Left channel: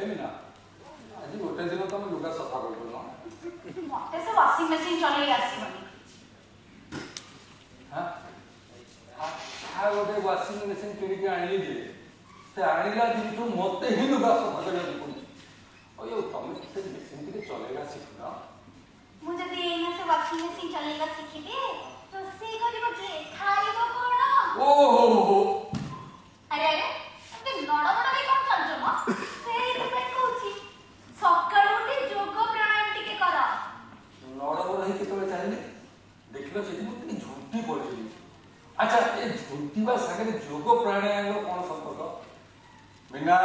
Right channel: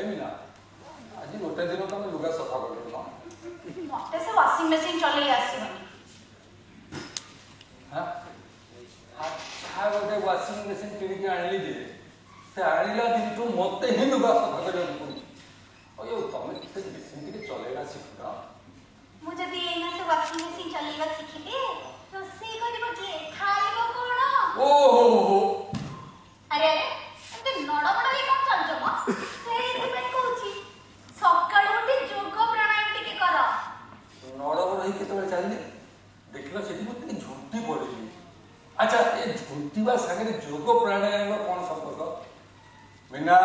एमिना आज गोटे दिन तुम लुगा सफा कर मते से वाशिंग मशीन चले आसीबनी हां हां गोटे वाशिंग मशीन किन के आनली जे से आनिला दिन तो मते ही लुगा सफा करने पड़ी ओयो तुम से मशीन के चलेगा सिखना मु जदी एना से वाशिंग मशीन चलेगा सिखिबे तो से करबो जे खाइबो कोन ओहो अरे अरे ते नडा बडा हे कोन चल जमा से पे कहूची सकाळ उठी जोग प्राणायाम टिके कर नडा बडा हे केतबे चालले देखलो सेठी मते झुंटी पड़ली अच्छा ए झुंटी बा संगे जोग प्राणायाम कोन संपर्क बिना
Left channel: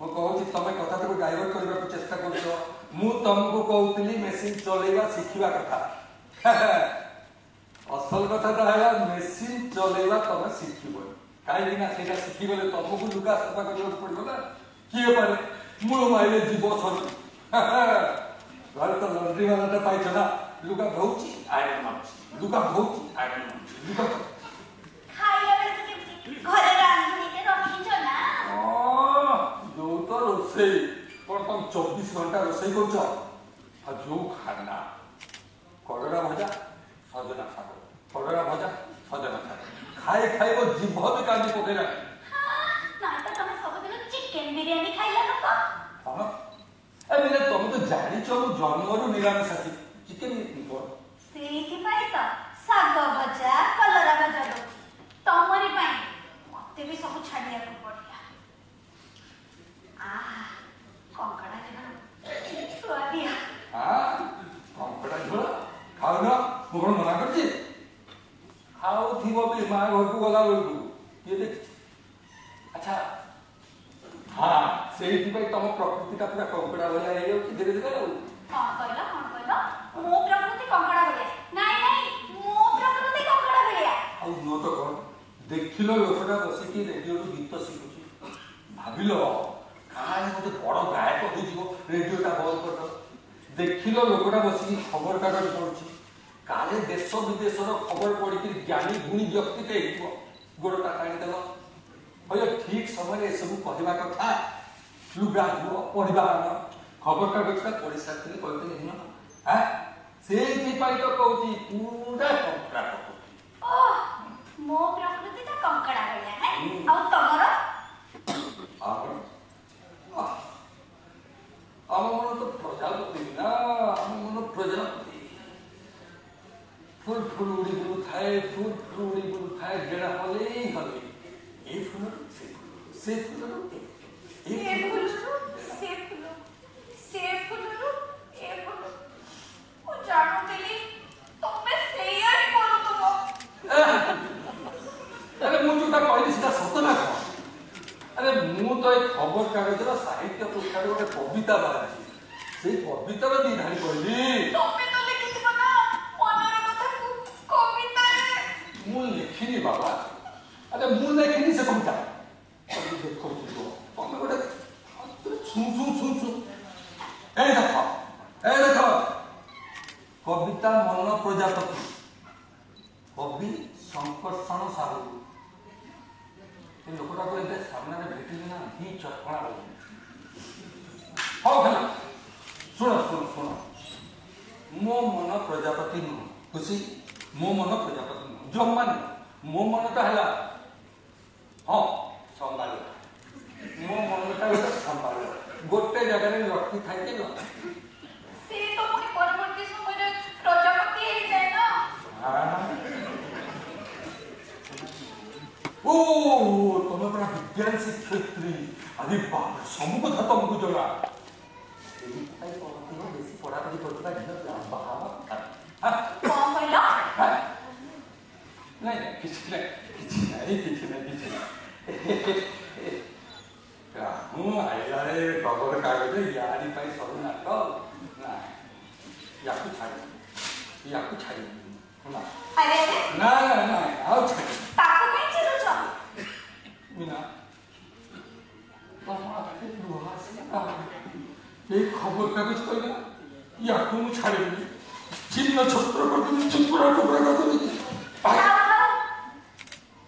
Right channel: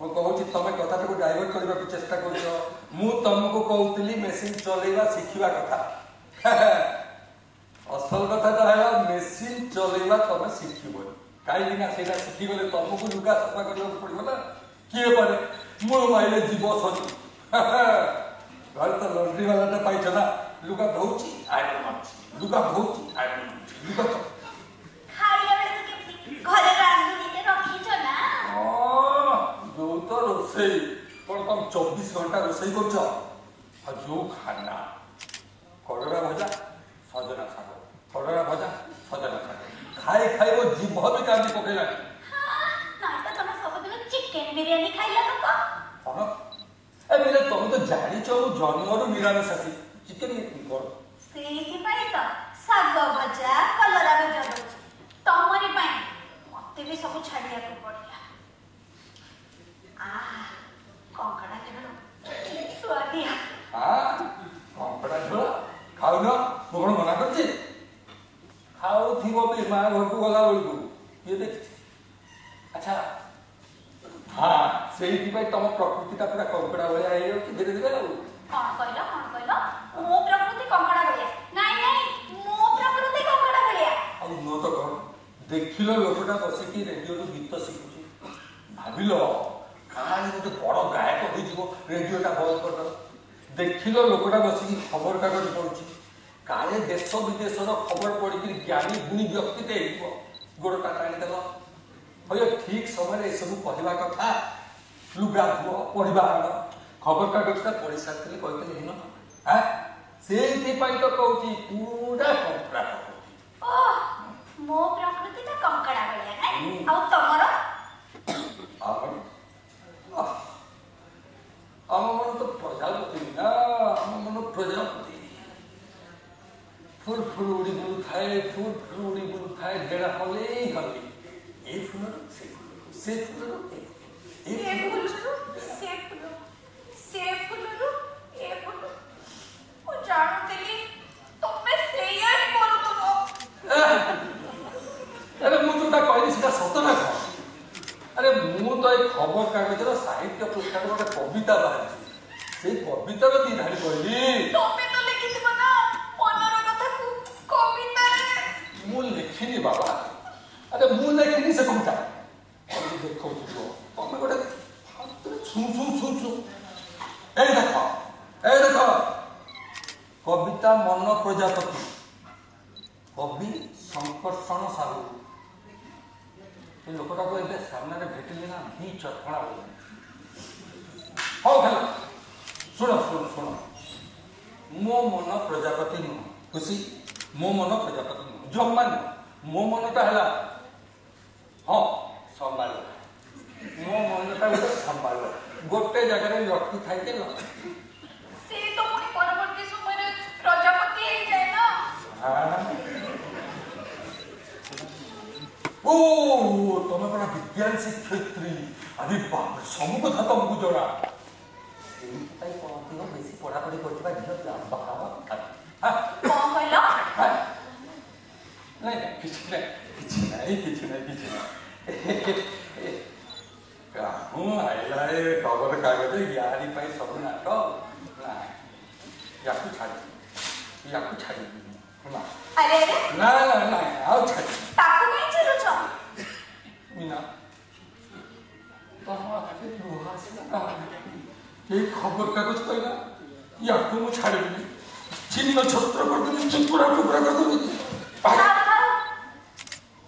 मु कहूची तमे कथा को डाइवर्ट करबा को चेष्टा करछो मु तुमको कहउतली मशीन चलेबा सिखिबा कथा असल कथा तो है मशीन चलेबा तमे सिखिबो काई ना सेटा सिखिबले तुमको लुगा सफा करबा पड़बो ना किए पारे मु माइले जीव सर घर तो लॉन्ड्री वाला तो पाइछ ना लुगा धोउची आयरन मारची लुगा धोउची आयरन मारची लुगा खाइया बेस के घरे रांधुनी के रखी छ ना जो तो रोसई पर तुम 24 घंटा रोसई करछ आ जो खाना करड़ा भजा सजना साग करड़ा भजा सजना साग खाए खाए वो जीभ भी काटी पकेला ना तो तुम सब दिन चिकन बिरयानी खाइला तो हां ए बिना तुम तो जानी छ जन्मरु निरामिषासी चिकन कर सेही पाई तो साग भजा कलरा भजा दो तमरी पाई मते भी सब छाड़िया को पड़िया आ कंकड़ा के स्वादिया हां कंकड़ा झोल खाओ ना मोहन मना करछि खाओ थीबो भी मां घर को गला बेलू ये देख अच्छा हाँ सेही पाई तुम प्रकृति का पूरा कंकड़ा भया हे धीरे धीरे कौन कहलो मो प्रकृति कंकड़ा भलिया नहीं नहीं मो प्रकृति कंकड़ा भलिया आ मो तो कौन देखिलो लोकटा बसिकी रेडियो रो गीत शिखुची भाबिलो कहानी गोटे बड़ गायक हो जीवो रेडियोटा बंद कर दो देखिलो लोकटा बसिकी खबर कागज पढुची काले देश विदेशर खबर पढिकी ज्ञानी गुणी व्यक्ति के हेइबो गोड़टा काढी देलो ओय ठीक समय ए सब कहबा कथा लुगा धो पढिबा खबर कागज का पढि सकते कहते नहीं हां सेही पाई तो कहूची पूरा कंकड़ा ओह मो प्रकृति का कंकड़ा भलिया नहीं आ तमरो आम मन तो प्रजापति ना आम मन प्रजापति फुल फुल उड़ी बुल थाए फुल फुल उड़ी बुल थाए गेड़ा हले हले ए फुल से फुल ए फुल से फुल ए फुल ओ जानो तेली तुमे सेया ही बोल तो अरे मु जोटा कहली सीधा सत ना अरे मु तो एक खबर कागजर साहित्य पुस्तक गोटे कविता बाहरी से कवितार दी धाड़ी कहली तुमे तो लिखिथिबो ना ओनरे कथा कविता मु लिखिनी बाबा अरे मु लिखिनी से कविता देखो तुम गोटे छू ए देखो कविता मन प्रजापति कवि संकर्षण साहू लोकटा को एते सामने भेटिले ना भी चटकणा हो हो हेलो सुनो मो मन प्रजापति नु खुशी मो मन प्रजापति नु जम्मा मो मन का हला हां संभाल मो मन का उधर संभाल गोटे जगह रे लटकी थाई के से तो पुनी परवर्ती समय रे प्रजापति हे जाय ना हां ओ तुम अपना विज्ञान शिक्षयित्री अरे बाप सब कथा तुमको जरा बेसी पढ़ापढ़ी करता कौन कहलो नहीं हूँ आइला खबर कागज यारी सब नाक या छाड़ी अरे ना आओ छाड़ी ताको नहीं चलो छ मीना ये खबर कागज कहला या तुम छाड़ी चिन्ह छत्र कर दूनी चिपुरा टुकड़ा कर दूनी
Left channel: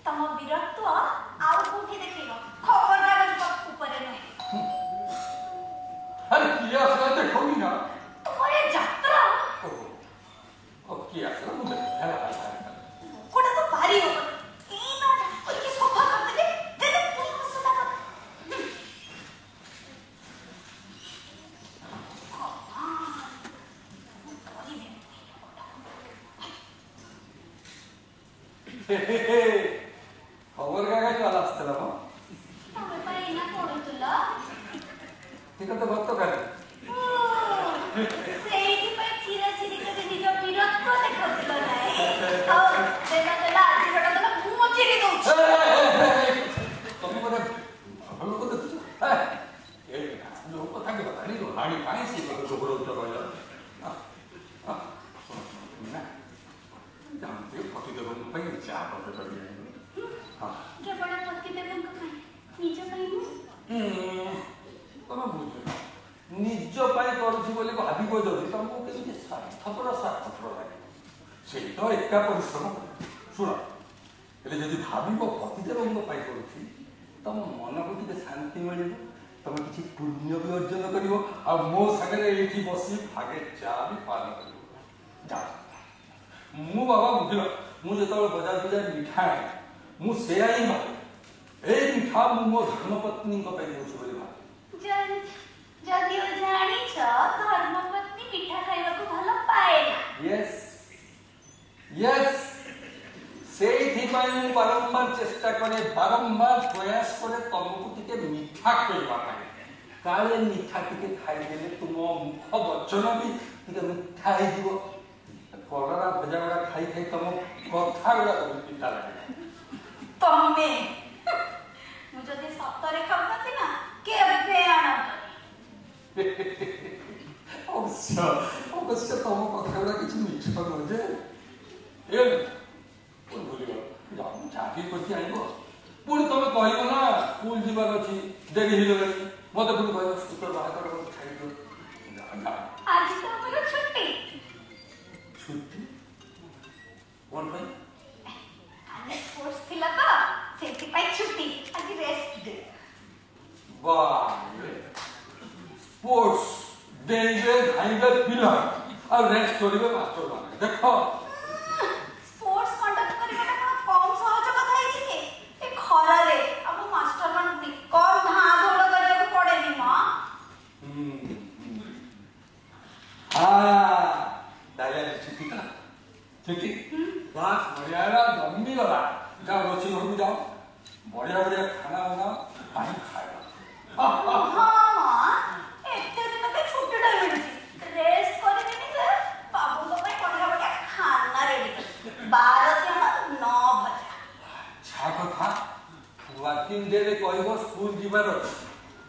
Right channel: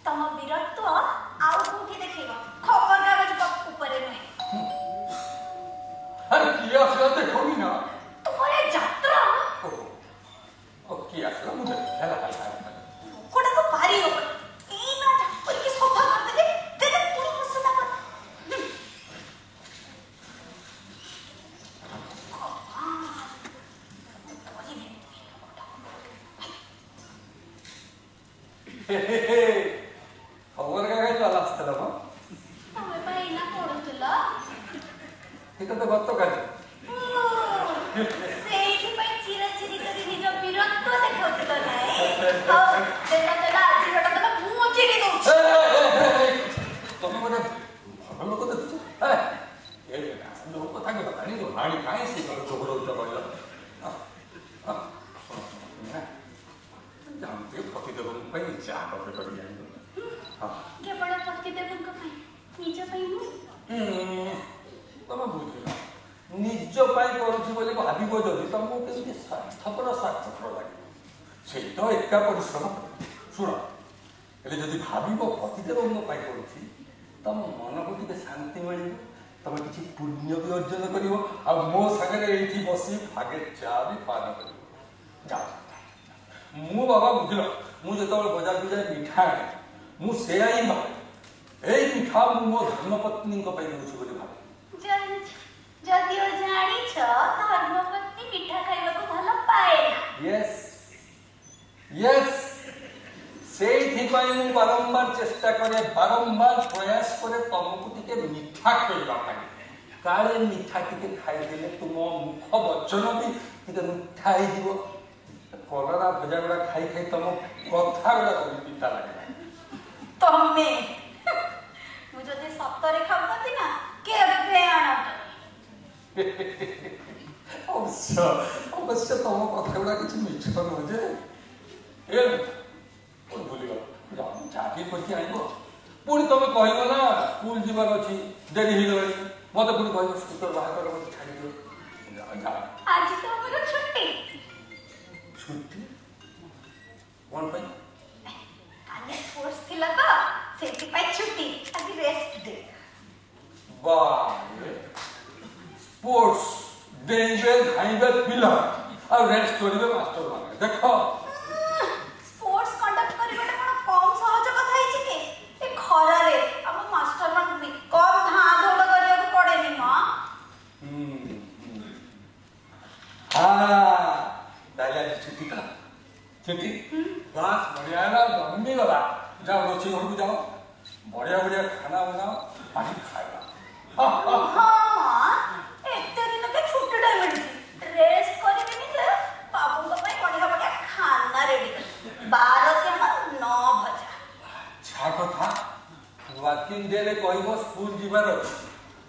तम वीरत्व आउ कोठी देखियो खबर कागज ऊपर नहीं ଖବରକାଗଜ ବାଲା ଆସିଥିଲା ମ ତମେ ପା ଏଇନା ପଢୁଥିଲ ଏଇଟା ତ ଗତକାଲି ସେଇଥିପାଇଁ ଚିରାଚିରି କରି ନିଜ ବୀରତ୍ୱ ଦେଖାଉଥିଲ ନାହିଁ ହଉ ଦେଲା ଆଜିରଟା କଲେ ମୁଁ ଚିରି ଦଉଛି ତମେ ଗୋଟେ ଭଲ ଲୋକ ଦେଖୁଛ ଲୋକ କଥା କି କଥା ନାଇଁ କାହିଁ ସେ ଝଗଡ଼ଉଛ କହିଲ ପତିଦେବଙ୍କ ପାଇଁ ଚା ପତି କରି କେବଳ ପତିଦେବଙ୍କ ପାଇଁ ନିଜ ପାଇଁ ନୁହେଁ ତମେ ବୁଝ ନିଜ ପାଇଁ କରୁଛି ବୋଲି ଭାବିବ ଯଦି ତମକୁ କେମିତି ସ୍ୱାର୍ଥପର ଲାଗିବ ସେଇ ତ ଏକା ପରିଶ୍ରମ ଶୁଣ ହେଲେ ଯଦି ଭାବିବ ପତିଦେବଙ୍କ ପାଇଁ କରୁଛି ତମ ମନକୁ ଟିକେ ଶାନ୍ତି ମିଳିବ ତମେ କିଛି ପୁଣ୍ୟ ବି ଅର୍ଜନ କରିବ ଆଉ ମୋ ସାଙ୍ଗରେ ଏଇଠି ବସି ଭାଗେ ଚା ବି ପାନ କରିବ ଯାଅ ମୁଁ ବାବା ବୁଝିଲ ମୁଁ ଯେତେବେଳେ ବଜାରକୁ ଯାଏ ମିଠା ଆଣେ ମୁଁ ସେୟା ହିଁ ଭାବେ ଏଇ ମିଠା ମୁଁ ମୋ ଧର୍ମପତ୍ନୀଙ୍କ ପାଇଁ ଦଉଛି ବୋଲି ଭାବେ ଯଦିଓ ଜାଣିଛ ଧର୍ମପତ୍ନୀ ମିଠା ଖାଇବାକୁ ଭଲ ପାଏ ୟେସ୍ ସେଇଥିପାଇଁ ମୁଁ ବାରମ୍ବାର ଚେଷ୍ଟା କରେ ବାରମ୍ବାର ପ୍ରୟାସ କରେ ତମକୁ ଟିକେ ମିଠା ଖୋଇବା ପାଇଁ କାଳେ ମିଠା ଟିକେ ଖାଇଦେଲେ ତୁମ ମୁଖ ବଚନ ବି ଟିକେ ମିଠା ହେଇଯିବ କଲରା ଭଜା ଗୁଡା ଖାଇ ଖାଇ ତମ କଥା ଗୁଡା ପିତା ଲାଗେ ତମେ ମୁଁ ଯଦି ସତରେ ଖାଉନନ୍ତି ନା କେବେ ଅବଶ୍ୟ ତମ କଥା ଗୁଡା କିଛି ମିଛ ନୁହେଁ ଯେ ଭୁଲିଗଲ ଚାକିରି କରିକି ଆଣିବ ପୁଣି ତମେ କହିବ ନା ସ୍କୁଲ ଯିବାର ଅଛି ଡେରି ହେଇଗଲାଣି ମତେ ପୁଣି କହିବ ସ୍କୁଟର ବାହାର କର ମତେ ଛାଡ଼ିଦିଅ ଆଜି ତ ଆମର ଛୁଟି ଛୁଟି କଣ ପାଇଁ କାଲି ସ୍ପୋର୍ଟସ ଥିଲା ତ ସେଥିପାଇଁ ଛୁଟି ଆଜି ରେଷ୍ଟ ଡେ ସ୍ପୋର୍ଟସ ଡେଇବେ ଧାଇବେ ପିଲା ଆଉ ରେଷ୍ଟ କରିବେ ମାଷ୍ଟର ମାନେ ଦେଖ ସ୍ପୋର୍ଟସ କଣ୍ଡକ୍ଟ କରିବାଟା କଣ କମ ସହଜ କଥା ହେଇଛି କି ଏ ଖରାରେ ଆମ ମାଷ୍ଟର ମାନଙ୍କୁ ବି କମ ଧାଁ ଧୋଲ କରିବାକୁ ପଡେନି ମ ତାହେଲେ ଛୁଟି କଲା ଛୁଟି ବାସ୍ ବଢିଆ ହେଲା ଜମିଗଲା ଯାଅ ରୋଷେଇ ଘରକୁ ଯାଅ ବଢିଆ ବଢିଆ ଖାନା ବନାଅ ପାଣି ଖାଇବା ଏତେ ଦିନ ତ ଛୁଟିଟା ମିଳୁଛି ରେଷ୍ଟ କରିବିନି ଯେ ବାବୁଙ୍କ ପାଇଁ ବଢିଆ ବଢିଆ ଖାନା ରେଡି 12 ଜଣ 9 ଭଜା ଛା କଥା ୱାର୍କିଂ ଡେରେ କହିବ ସ୍କୁଲ ଯିବାର ଅଛି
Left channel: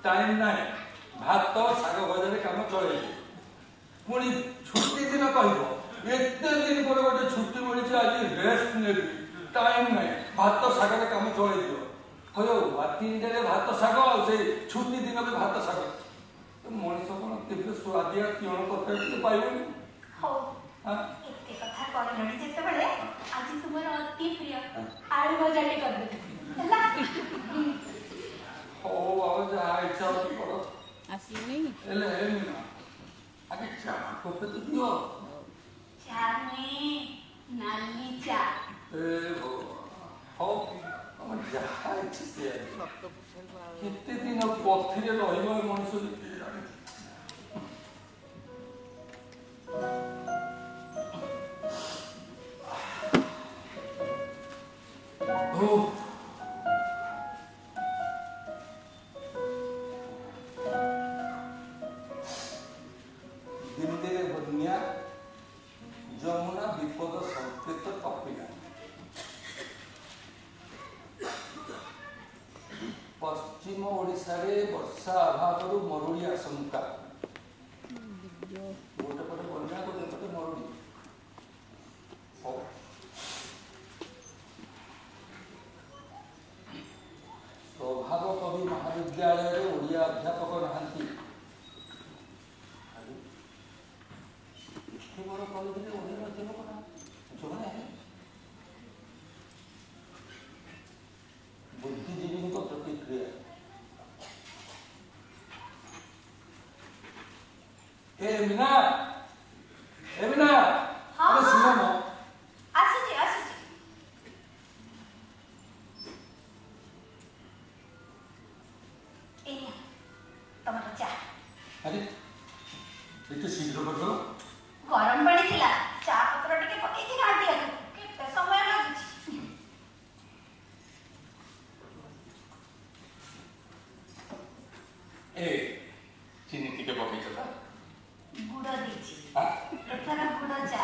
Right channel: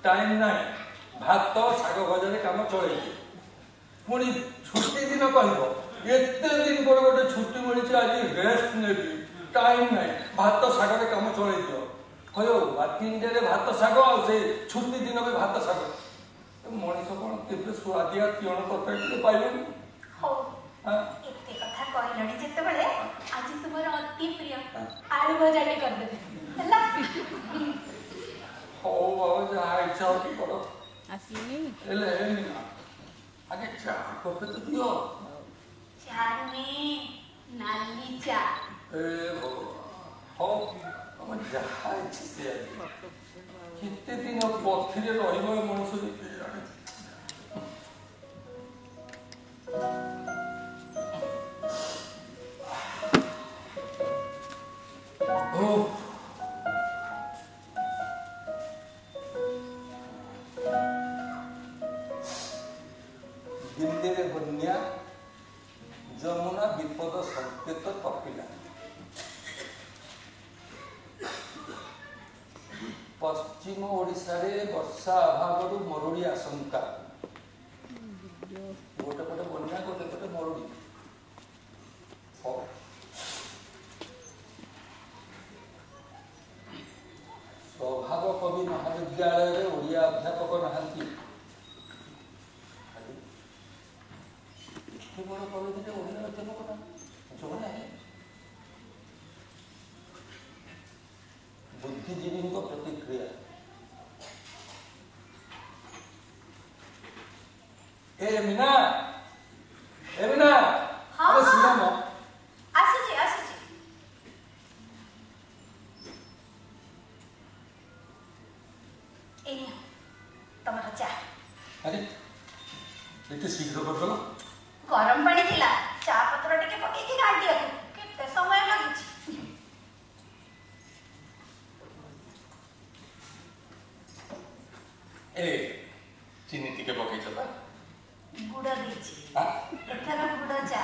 ଟାଇମ ନାହିଁ ଭାତ ଶାଗ ଭଜାରେ କାମ ଚଳେଇବେ ପୁଣି ଛୁଟି ଦିନ କହିବ ଏତେ ଦିନ ପରେ ଗୋଟେ ଛୁଟି ମିଳିଛି ଆଜି ରେଷ୍ଟ ନେବି ଟାଇମ ନାହିଁ ଭାତ ଶାଗରେ କାମ ଚଳେଇ ଦିଅ କହିବ ୱାର୍କିଂ ଡେରେ ଭାତ ଶାଗ ଆଉ ସେ ଛୁଟି ଦିନରେ ଭାତ ଶାଗ ମଣିଷ କଣ କେବେ ସୁଆଦିଆ ତିଅଣ ତରକାରୀ ଟିକେ ପାଇବେନି ହଉ ଏତେ କଥା କହିଲଣି ଯେତେବେଳେ ଆଜି ତୁମର ଅତି ପ୍ରିୟ ଆଳୁ ଭଜାଟି କରିଦେବି ହେଲା ହଉ ବାବା ଯାହା ଇଚ୍ଛା ହଉଛି କର ଆସିନି ହେଲେ ଆগে ଚା କପେ ତ ଦିଅ ଚା ନୁହେଁ ନାଲି ଚା ହଉ ତମେ ଯାହା ଇଚ୍ଛା ସେୟା କେତେ ଦିନ ପଥିରେ ରହିବ ମଣିଷ ଦିଲ୍ଲୀରେ ବନ୍ୟା ଯମୁନା ବିପଦ ସଂକେତ ଟପିଲା ପଶ୍ଚିମ ଓଡ଼ିଶାରେ ବର୍ଷା ଅଭାବରୁ ମରୁଡ଼ି ଆଶଙ୍କା ଗୋଟେ ପଟେ ବନ୍ୟା ଗୋଟେ ପଟେ ମରୁଡ଼ି ସ୍ୱଭାବ କବି ମହାବିଦ୍ୟାଳୟରେ ଓଡ଼ିଆ ଅଧ୍ୟାପକ ନାହାନ୍ତି କଲେଜରେ ଓଡ଼ିଆ ଅଧ୍ୟାପକ ନାହାନ୍ତି ବୁଦ୍ଧିଜୀବୀଙ୍କ ପ୍ରତିକ୍ରିୟା ମିନା ଶୁଣ ଆସୁଛି ଏଇ ତମର ଚା ଆରେ ଏତେ ଶୀଘ୍ର କରିଦେଲ ଗରମ ପାଣି ଥିଲା ଚା ପତ୍ର ଟିକେ ପକେଇକି ଗାଳି ଦିଅନ୍ତୁ କେତେ ସମୟ ଲାଗୁଛି ए चीनी टिके पकईछ त गुड़ देछि हां एथर गुड़ चा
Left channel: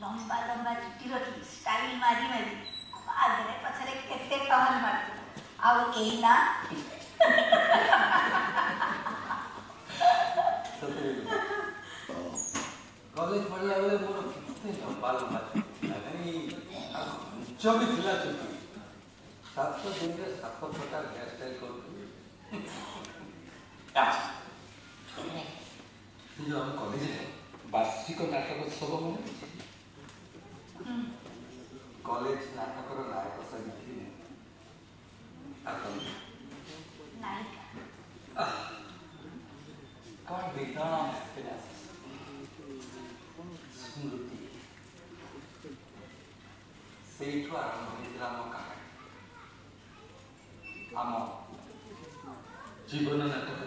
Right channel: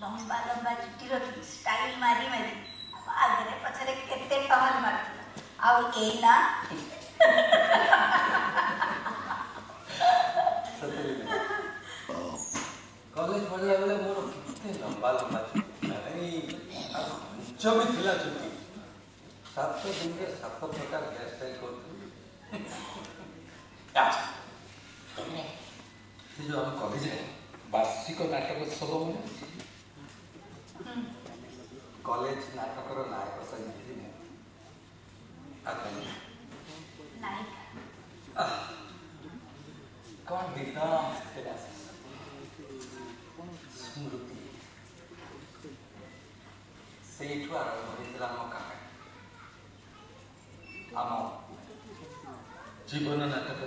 लंबा लंबा चुट्टी रखी स्टाइल मारी मारी आगे पछरे केते टहल मारती आउ एना कॉलेज पढ़ला बेले मोर किते लंबा लंबा नहीं जो भी थिला चुट्टी 7 दिन के 7 प्रकार हेयर स्टाइल करती अच्छा जो हम कॉलेज रे वार्षिक नाटक उत्सव में कॉलेज नाटक नायक सजी कौन दिन स्मृति से आरंभ होता आम जीवन नाटक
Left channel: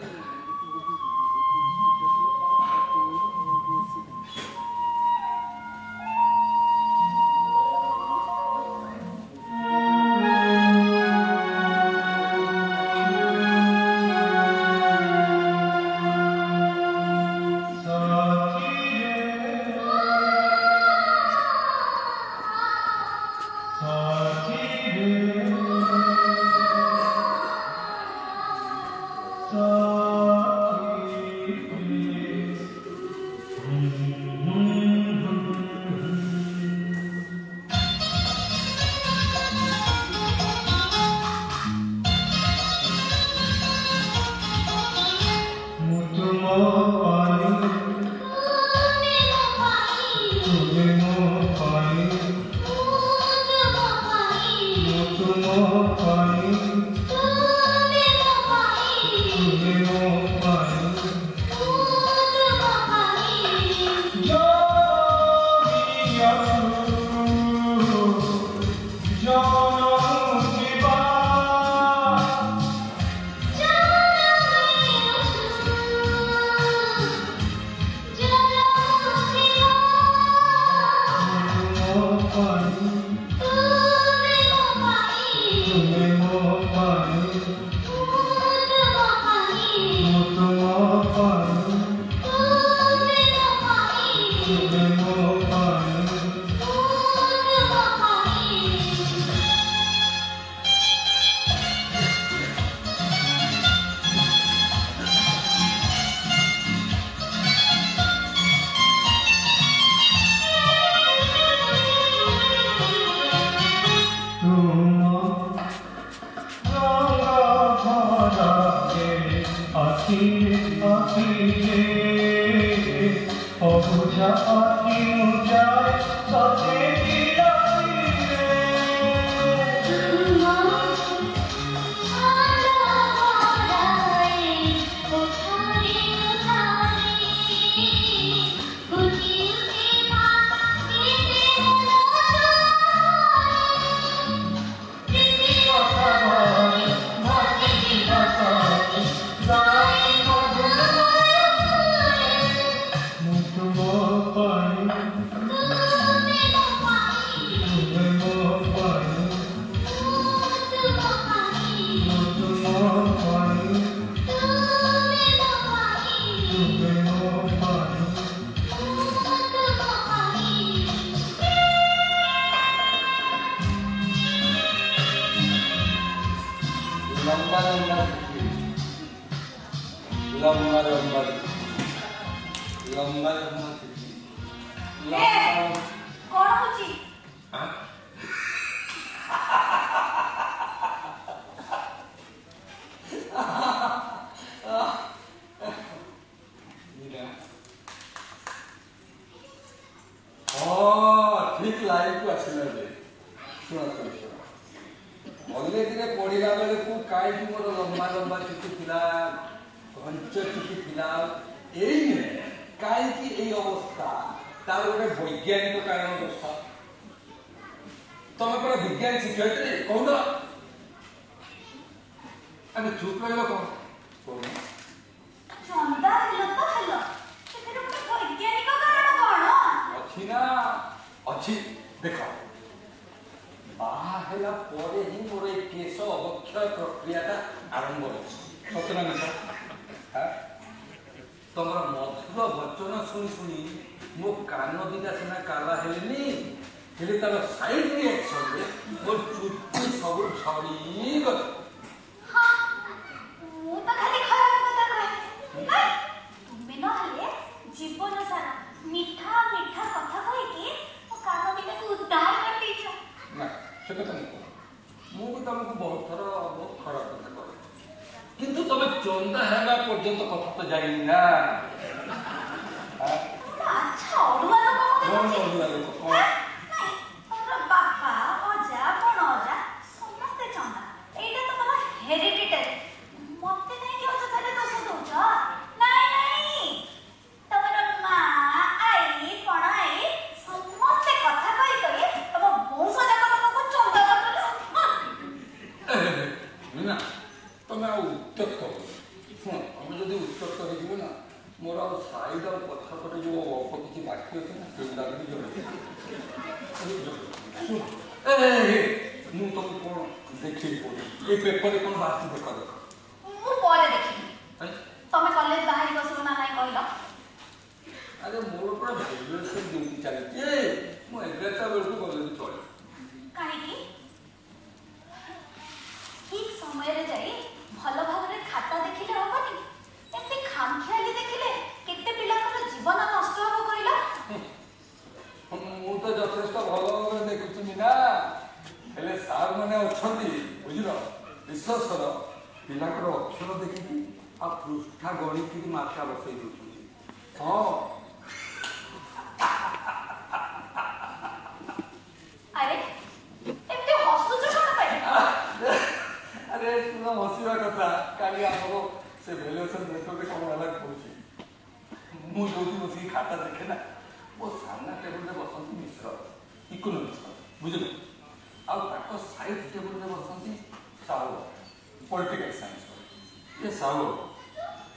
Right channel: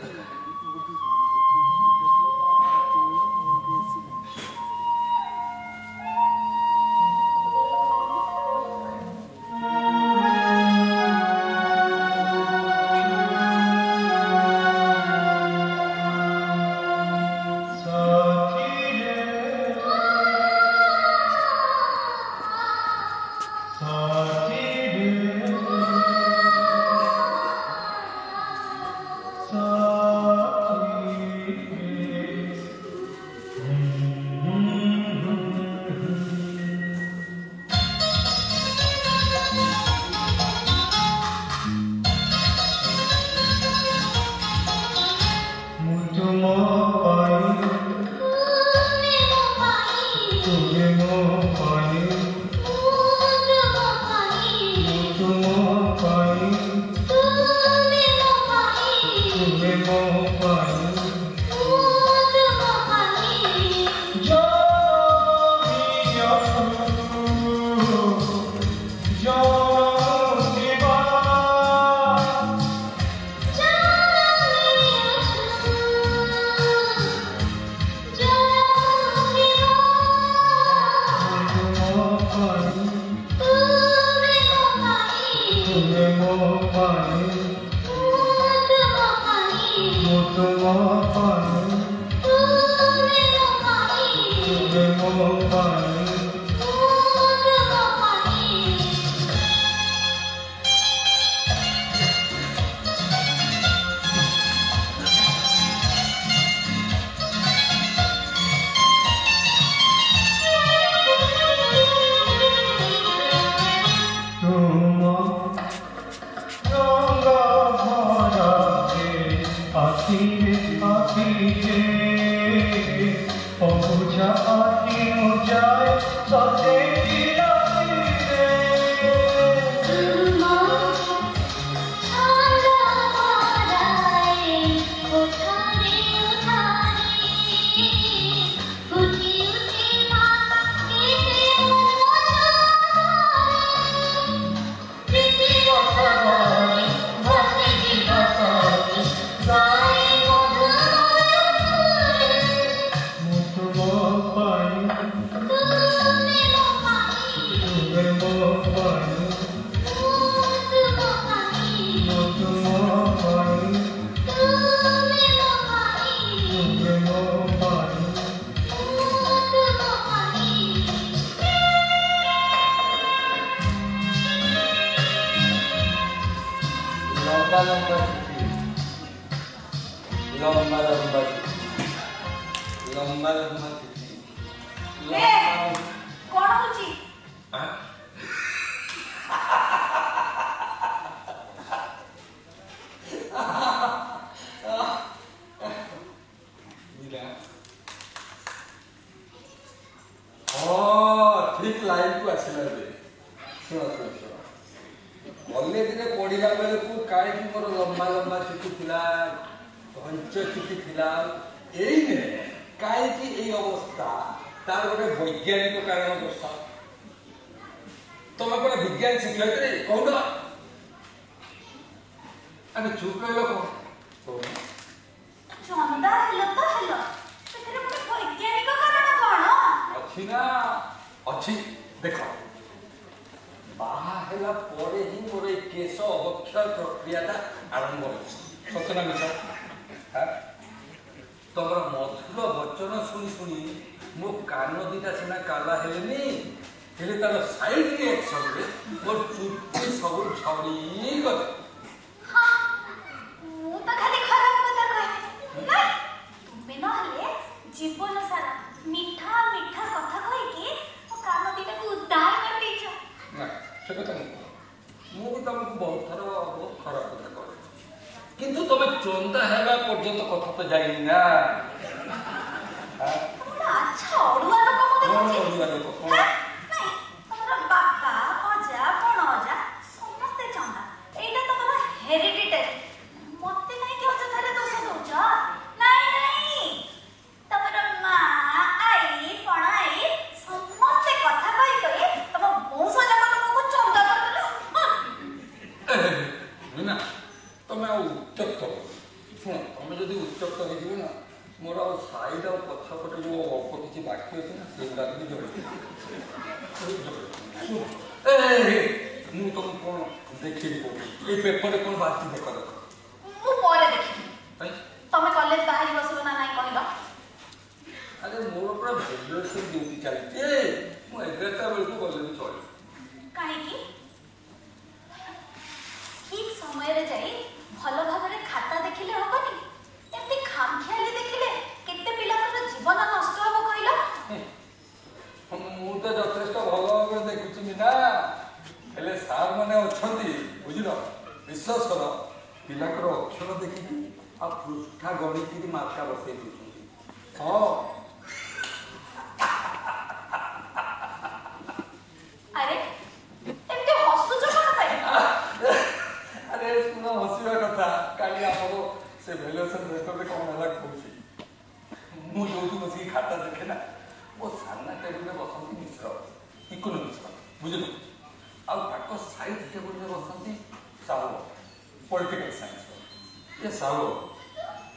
ଶୁଣ ଶୁଣ ଶୁଣ କଲେଜରେ ପଢିଲା ବେଳକୁ କାହିଁକି ମୋର ଲମ୍ବା ଲମ୍ବା ଚୁଟି ଥିଲା, ଘଞ୍ଚ ଚୁଟି ଥିଲା, ଏଇ କାହିଁକି ଏଇ ଅବସ୍ଥା? ତାର ଗୋଟେ ବୈଜ୍ଞାନିକ କାରଣ ଦର୍ଶାଅ। ତମେ ପରା ବିଜ୍ଞାନ ଶିକ୍ଷୟିତ୍ରୀ, କହୁନ। ଆରେ ଚୁପ୍ ରହିଲ କଣ? ଚନ୍ଦା ହେଲ ତ ହେଲ, ସେଥିରେ ଗୋଟେ ବୈଜ୍ଞାନିକ କାରଣ କଣ? ଅଛି ନା ଅଛି। ଦେଖ, ବାହା ହେଲା ପରେ ହିଁ ମୋର ଏଇ କେଶ ଅବକ୍ଷୟ ପ୍ରକ୍ରିୟାଟା ଆରମ୍ଭ ହେଉଛି। ସତ ନା ମିଛ? ତମର ମଧୁର ବଚନ ଶୁଣି ଶୁଣି ମୋ କାନ ଦିଟା ସିନା କାଲା ହେଲେନି, ହେଲେ ତାର ସାଇଡ ରିଆକ୍ସନରେ ମୋ ଚୁଟି ସବୁ ଝଡ଼ିଗଲା। ମୁଁ ତ ଖାଲି ଖରାପ କଥା କହେ। ନାଇଁ, ତୁମେ ନହେଲେ ଜୀବନ ସାରା ମିଠା ମିଠା କଥା କହିକି ମୋ କାନ ଦିଟାକୁ ଉଦାର କରିଦେଇଛ। ନା, ସେ କଥା ନୁହଁ। ମୁଁ ବି ତମକୁ ବହୁତ ଖରାପ କଥା କରେ, କିନ୍ତୁ ତମେ ଚନ୍ଦା ହେଲା ପର୍ଯ୍ୟନ୍ତ କଥା ତ ଜାଣିନି ନା। ଆଚ୍ଛା, ଅଡୁଆ ଲୋକ ତମର ବାପା, ଅଜା, ଭଣଜା ସମସ୍ତେ ଚନ୍ଦା। ଏଇଟା ତମର ହେରିଡିଟାରୀ। ମତେ କାହିଁକି ଅଯଥାରେ ଦୋଷ ଦଉଛ? ନାଇଁ, ତମର ମା, ଆଈ, ବଣ ଆଈ ସମସ୍ତେ କଥା କହି କହି ତମ ବଂଶ ଯାକ ତମକୁ ଚନ୍ଦା କରିଦେଲ। ନା, ତମେ ଆଉ ଉତ୍ତ୍ୟକ୍ତ ଶୁଣ। ତମେ ଯଦି ଉତ୍ତ୍ୟକ୍ତ ହେଇଯିବ ନା, ମୋର ଆଉ ସାଇଡ୍ ଆଉ ପଛ ପଟେ ଯୋଉ ଅଳ୍ପ କିଛି ବାକି ଅଛି ନା, ସେଇଗୁଡାକ ବି ମୁଁ ତମକୁ କଣ ଦେଖେଇ ପଡୁଛି? ଏଇ ପେପରରେ କଣ ବାକି ଦେଖ ଦେଖ। ମୁଁ ପରେ ଦେଖିବି। ତମେ କଲେଜ ବାହାରି ବସିବ ନା ନାଇଁ କହିଲ? ଆରେ ମୋର ପୁରା ଭ୍ୟାଲୁଏସନ୍ ଡ୍ୟୁଟି ଚାଲିଛି। ମୁଁ 11ଟା ବେଳକୁ ଗଲେ ବି ଚଳେ। କାହିଁକି? ଠିକ୍ ସମୟରେ ଯାଇ ଭଲ ଭାବରେ ଖାତା ଦେଖିଲେ ହବନି? ଏମିତି ଖାମଖିଆଲି ଦେଖିଲେ କେତେ ପିଲାଙ୍କର ଜୀବନ ନଷ୍ଟ ହବ କହିଲ? ମୁଁ ତ ଯଥେଷ୍ଟ ଭଲ ଭାବରେ ଦେଖୁଛି ମିନା, ହେଲେ ସାର୍ ମାନେ ଅଛନ୍ତି, ବୁଝିଲ, ବିଶ୍ୱାସ କର, ପିଲାଙ୍କର ଅକ୍ଷର ଦେଖିକି ଆଉ ପୃଷ୍ଠା ଗଣିକିରି ମାର୍କା ବସେଇ ଦେଉଛନ୍ତି। ହଁ। ଆରେ ଏମିତି ହସୁଛ କଣ ପାଇଁ? ଆରେ ଶୁଣ, ହସିବା କଥା। କାଲି ଆମର ସେ ଭ୍ୟାଲୁଏସନ୍ ପେପରରେ କଣ ହେଲା କହୁଛି। ମୁଁ ଯୋଉଠି ବସିକି ଖାତା ଦେଖେ ନା, ମୋ ସାମ୍ନା ଟେବୁଲରେ ବସନ୍ତି ମିଶ୍ର, ଇକୋନୋମିକ୍ସ, ବୁଝିଲ, ଆଉ ତାଙ୍କ ସାଇଡ୍ ଟେବୁଲରେ ବସନ୍ତି ସାହୁ, ପଲିଟିକାଲ ସାଇନ୍ସ। ଏ ସାହୁ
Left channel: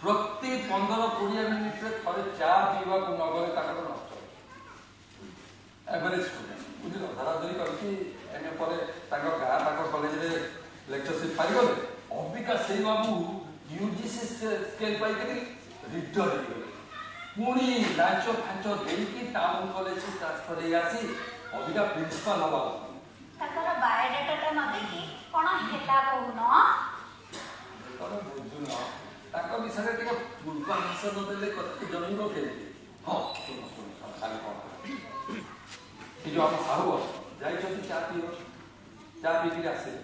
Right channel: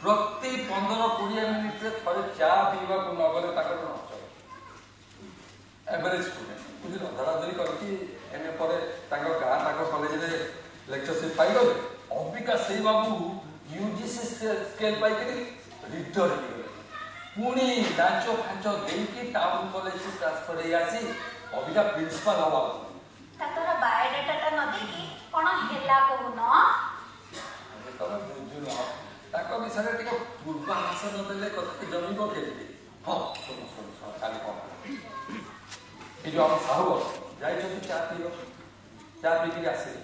ପ୍ରତି 15-20 ମିନିଟରେ ଥରେ ଚା ପିଇବାକୁ ନ ଗଲେ ତାଙ୍କର ନଷ୍ଟ। ଏଭରେଜ ଷ୍ଟୁଡେଣ୍ଟ, ବୁଝିଲ, ଧରାଧରି କରିକି ଏମ ଏ ପରେ ତାଙ୍କ ଗାଁ ପାଖ କଲେଜରେ ଲେକ୍ଚରସିପ୍ ପାଇଗଲେ। ଅବିକା ସେଇ ବାବୁ ୟୁଜିସି ସ୍କେଲ୍ ପାଇକରି ରିଟର୍ନ ହେଇଗଲେ। ପୁଣି ଲାଞ୍ଚ ଫାଞ୍ଚ ଦେଇକି ଟାଉନ କଲେଜକୁ ଟ୍ରାନ୍ସଫର ହେଇ ଆସି ଅବିକା ପ୍ରିନ୍ସିପାଲ ହବା। ତାଙ୍କର ବାୟୋଡାଟା ନ ଦେଇକି କଣ ହେଲା କହୁନ? ତମେ ବୁଝୁନ, ତାଙ୍କ ବିଷୟରେ ଟିକେ ପୂର୍ବାଭାସ ନ ଦେଲେ କଥା ଜମିବ କେମିତି? ହଁ, ଶୁଣ ଶୁଣ ଶୁଣ, କାଲି କଣ ଏ ଯୋଉ ଆମ ସାହୁ ଯାଇଛନ୍ତି ଚା ପିଇବ, ଚା ପିଇକିରି ଆସିଲେ।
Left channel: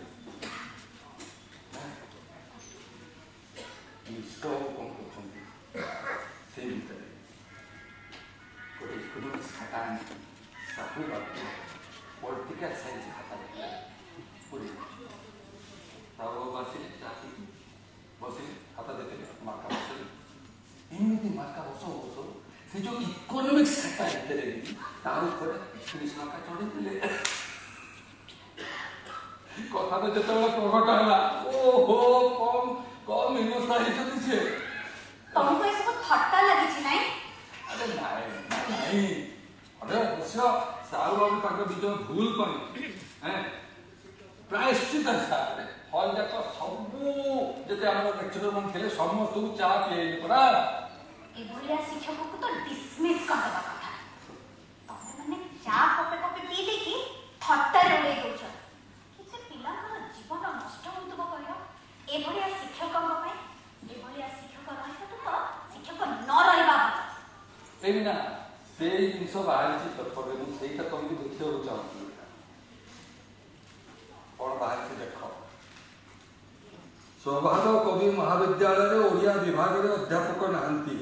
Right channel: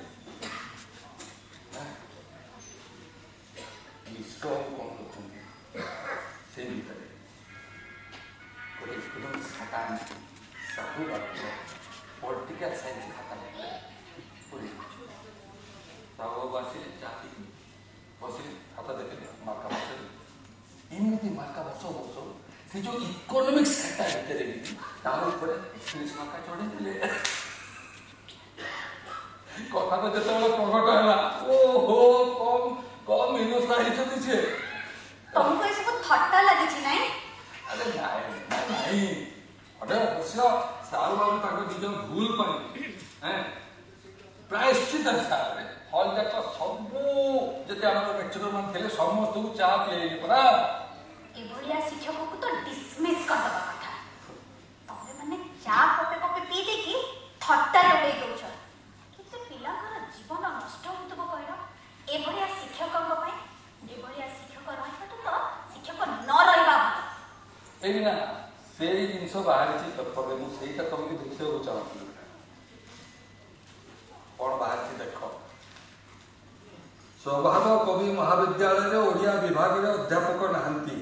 ମିଶ୍ର କଣ କରୁଛନ୍ତି, ସେ ଭିତରେ ଗୋଟେ ଇକୋନୋମିକ୍ସ ଖାତା ଆଣିକି ସାହୁ ପଲିଟିକାଲ ସାଇନ୍ସ ଖାତା ସାହୁ ଆସିଲେ, ଚା ପିଇକି ବସିଲେ, ଖାତା ଦେଖିଲେ, ମାର୍କା ବସିଲେ। ଏମିତି ମାର୍କା ବସ ସେ ଯୋଉ ଇକୋନୋମିକ୍ସ ଖାତା ଭିତରେ ତାର ଉପରେ 30 ମାର୍କା ଚଢେଇଥିଲେ। କଥାଟା ଯେତେବେଳେ ପ୍ରକଟ ହେଲା, ଓହୋ, କମ ହିନସ୍ତା ହେଇଛନ୍ତି ସିଏ। ତମକୁ ଏସବୁ ଥଟ୍ଟା ଲାଗିଛି ନାଇଁ? ଆରେ ନାଇଁ, ଅବଶ୍ୟ ସାହୁ ବାବୁ ତାଙ୍କ ନିଜ ଭୁଲ ପାଇଁ ପ୍ରାୟଶ୍ଚିତ ହିସାବରେ ହଲ୍ ଯାକ ସବୁ ଯେତେ ଆମର ଲେକ୍ଚରର ମାନେ ଥିଲେ ସମସ୍ତଙ୍କୁ ଚା ପିଏଇଲେ ପରା। ଏଭଳିଆ ଶିକ୍ଷକଙ୍କୁ ତ ଡିସମିସ୍ କରିଦେବା କଥା। ତମେ ମାନେ ଚା କପେ କପେ ପିଇ ଦେଇକି ଥଟ୍ଟାରେ ଉଡେଇ ଦଉଛ। କେତେ ପିଲାଙ୍କର ଜୀବନ ନଷ୍ଟ ହଉଥିବ କହିଲ ଏଭଳିଆ ଶିକ୍ଷକଙ୍କ ପାଇଁ? ଯେଭଳିଆ ଶିକ୍ଷକ ରହିବାଠୁ ତ ଶିକ୍ଷକ ନ ରହିବା ଭଲ। ଏଇ ନା ସେଇ ଜିନିଷ ବାହାରିଛି ପେପରରେ, ମୁଁ ସେଇଟା ତମକୁ ଦେଖିବାକୁ ଚାହୁଁଥିଲି। କଣ ବାହାରିଛି ଦେଖ। ସୌଭାଗ୍ୟ କବି ମହାବିଦ୍ୟାଳୟରେ ଓଡ଼ିଆ ବିଭାଗରେ ଅଧ୍ୟାପକ ନାହାନ୍ତି,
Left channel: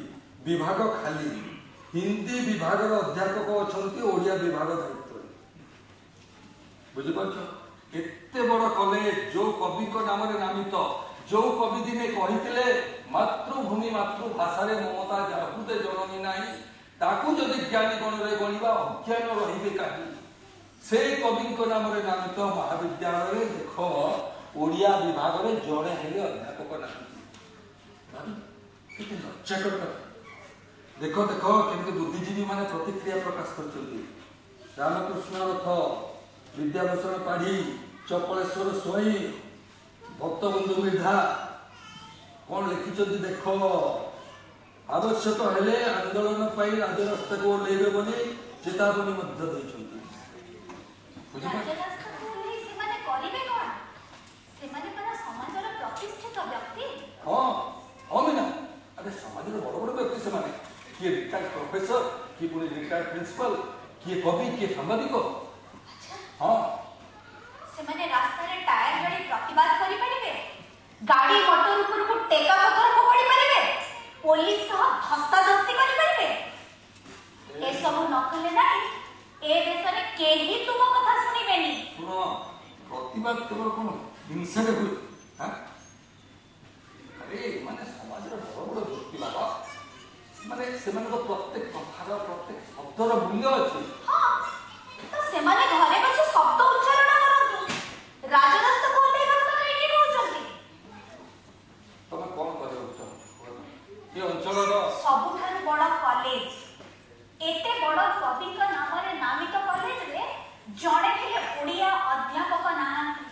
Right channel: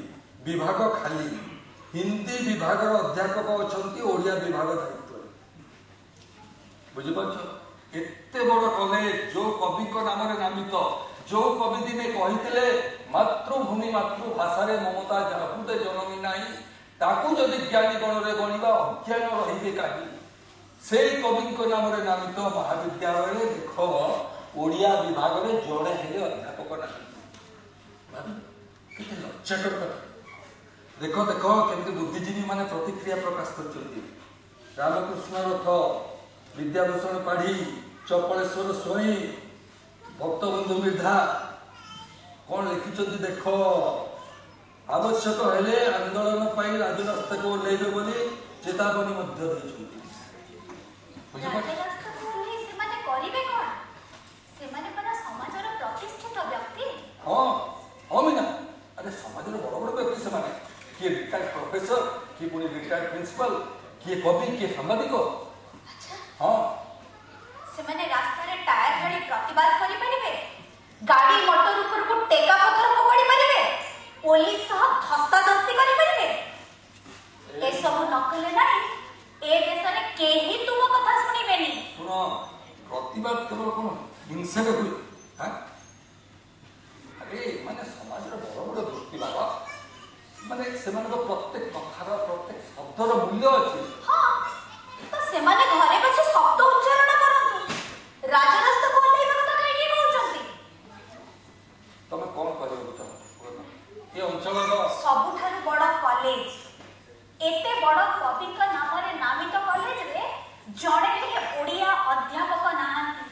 ବିଭାଗ ଖାଲି। ହିନ୍ଦୀ ବିଭାଗର ଅଧ୍ୟାପକ ଅଛନ୍ତି ଓଡ଼ିଆ ବିଭାଗ ଦାୟିତ୍ୱରେ। बुझिपारछ केते बड़ कॉलेज जो कवि को नाम रे नामित जो कवि दिने कहिथिले मातृभूमि मातृभाषा रे ममता जाहुते जननी नाही ताकू जदि ज्ञानी गण रे गणिबा अज्ञान रहिबे काहि से कवि को नाम रे नामित महाविद्यालय देख ओडिया विभाग रे जोड़े हेले अध्यापक नाही किते लज्जाकर कथा देखो देखो केमती बुद्धिजीवी माने प्रतिक्रिया प्रकाश करछन्ती रामकृष्ण रथ विद्याभूषण पाढ़ी चपलेश्वर स्वई भक्तबंधु मृधा कौन लिखिं देख आवश्यक हेले आंदोलन राजरास्ता को ओह्लैबे बोली चेतावनी हाँ हाँ मीना अरे समाज बड़ बड़ व्यक्ति से किए रिटायर्ड प्रोफेसर किए पुणी रिटायर्ड प्रिंसिपल किए कवि किए सांबादिक हाँ सेमाने रास्ता रे टायर गाड़ी प्रतिवाद करि परिबे गाड़ी मोटर ऊपर को टेका पत्थर पकड़ी परिबे पुलिस सह धस्ताधस्ती करि परिबे ए सब नकले नाही ए देश रे केही तुम कथा सुनिबेनी सुनो प्रतिवाद केवल कोन हिंसा रे हुई हां अरे माने समाज रे बड़ बड़ व्यक्ति बाबा माने सेमान को प्रत्येक कथार प्रत्येक शब्दर मूल्य अछि हां तो सेमाने घरे बसे शब्द उच्चारण करंतु राजरास्ता को ले रस्ता काई कहउछंती तमे कोन करबो चाहो ये अंचल रो सबुठार बड़ कॉलेज एते बड़ कवि का नाम रे नामित कॉलेज रे जणे खेले ओडिया अध्यापक नाहांती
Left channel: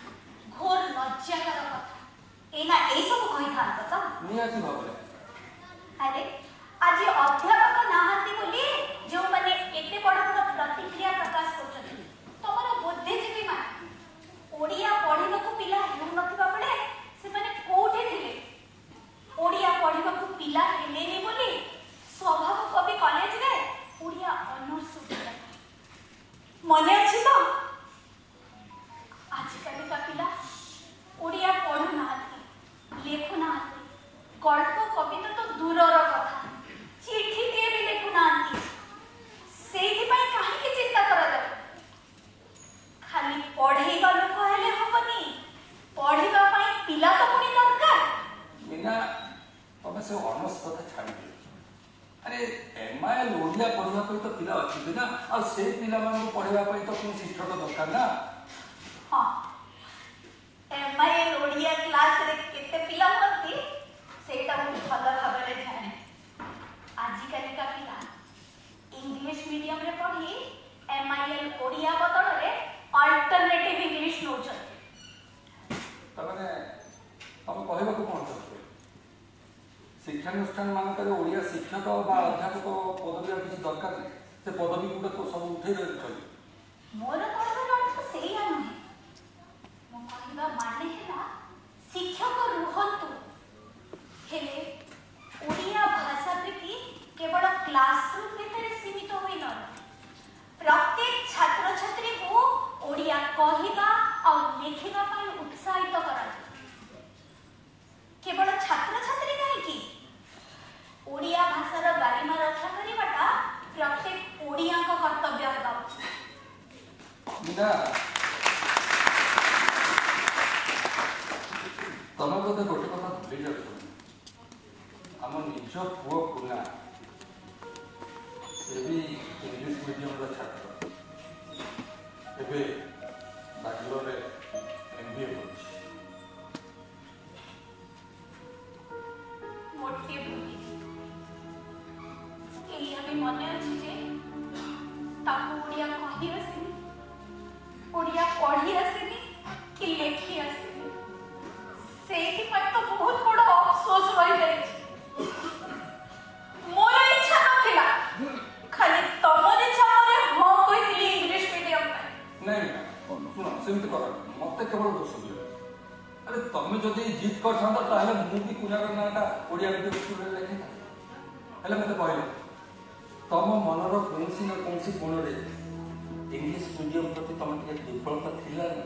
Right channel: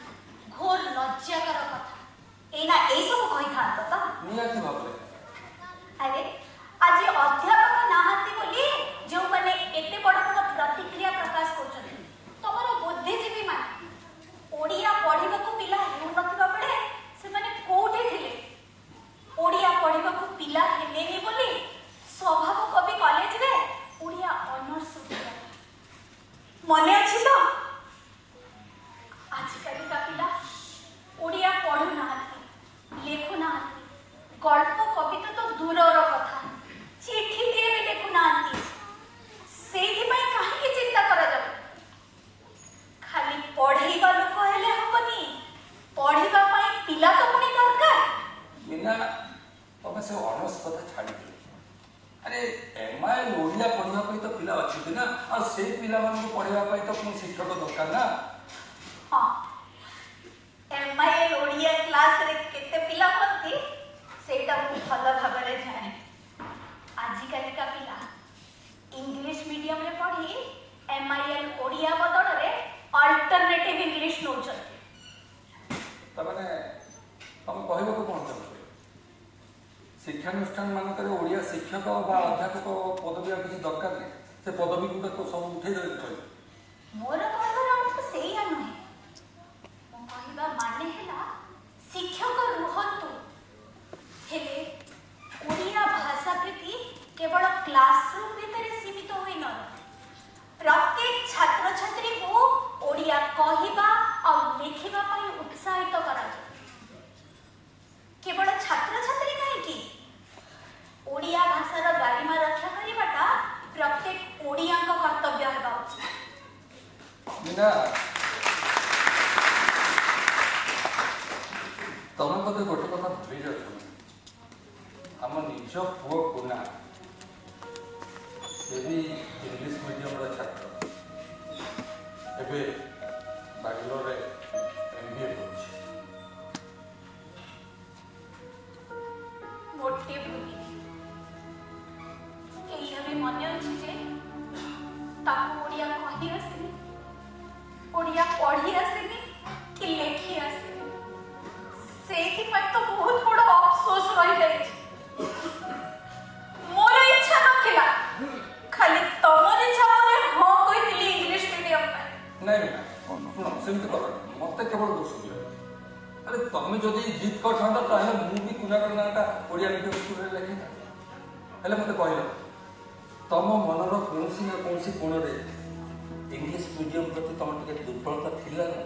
घोर लज्जाकर कथा एना ए सब कहि थांत त नियाती भाबरे अरे आज अध्यापक नाहांती बोली जो माने एते बड़ प्रतिक्रिया प्रकाश करछथि तमरो बुद्धिजीवी मान ओडिया पढिबको पिला हेउ नथिबा बेले से माने कोठे थिले ओडिया पढिबको पिला हेलेनी बोली स्वभाव कवि कॉलेज रे ओडिया ऑनर्स मने अछि तो आज काली का पिला ओडिया पढु नाहांती लेखु नाहांती गल्प कविता तो दूरर कथा चिठी टे भी लेखु नाहांती सेठी पई काहे चिंता करा जाय खाली पढेगा लोक हेले होबनी पढिबा पई पिला तो पुनी दरकार बिना तमे से ऑनर्स कथा छाड़ी दे अरे एमआई ओडिया पढिबा पई तो पिला अछि ना और से पिला मान को पढिबा पई तो कोन शिक्षक दरकार ना हां एमआई ओडिया क्लास रे केते पिला होती सेटा मु भल भाबरे जाने आजि काली का पिला इंग्लिश मीडियम रे पढ़ी एमआईएल ओडिया बदल रे अल्टरनेटिव इंग्लिश नो चलते तमने हम कहबो को कोन चाहते शिक्षानुष्ठान मान करे ओडिया शिक्षक बा अध्यापक पदवी किसी दरकार नहीं से पदवी को तो सब उठे दे मोर कहबार अर्थ सेही नहीं मो कहबा माने हैला शिक्षक रुहंतु हेले ओडिया भाषा प्रति केवल क्लासरूम भीतर सीमित होई न प्रत्येक छात्र छात्री को ओडिया कहिबा और लिखिबा पई उत्साहित करा केवल छात्र छात्री काहे की ओडिया भाषार गारिमा रक्षा करिबाटा प्रत्येक ओडिया को कर्तव्य हेबा उचित मीना तमे बोधे गोटे कथा भूली जाछ हम निज पुओ कुना से भी इंग्लिश मीडियम रा छात्र एबे बांग्लोर रे एमबीए करछि मोटे भूली एई अभी मने अछि जे ताको ओडिया कहि आसी ओडिया पढ़ी आसी कि लेखी आसी सेठी पर तो बहुत बड़ अफसोस रहि जाय मोर इच्छा नथिला खाली तमर इच्छा मोर हो कहिली इंग्लिश मीडियम में नहीं सुनो सेमती कर मते केवल दोष दियो अरे तमे जदि जीत कर थांत ताले मु भी कुना करनाटा ओडिया मीडियम स्कूल रे लेखि हेले मते कहलो तम मनर कोनसी न कोनसी कोण रे इंग्लिश मीडियम प्रति तम टिके दुर्बलता थिला ना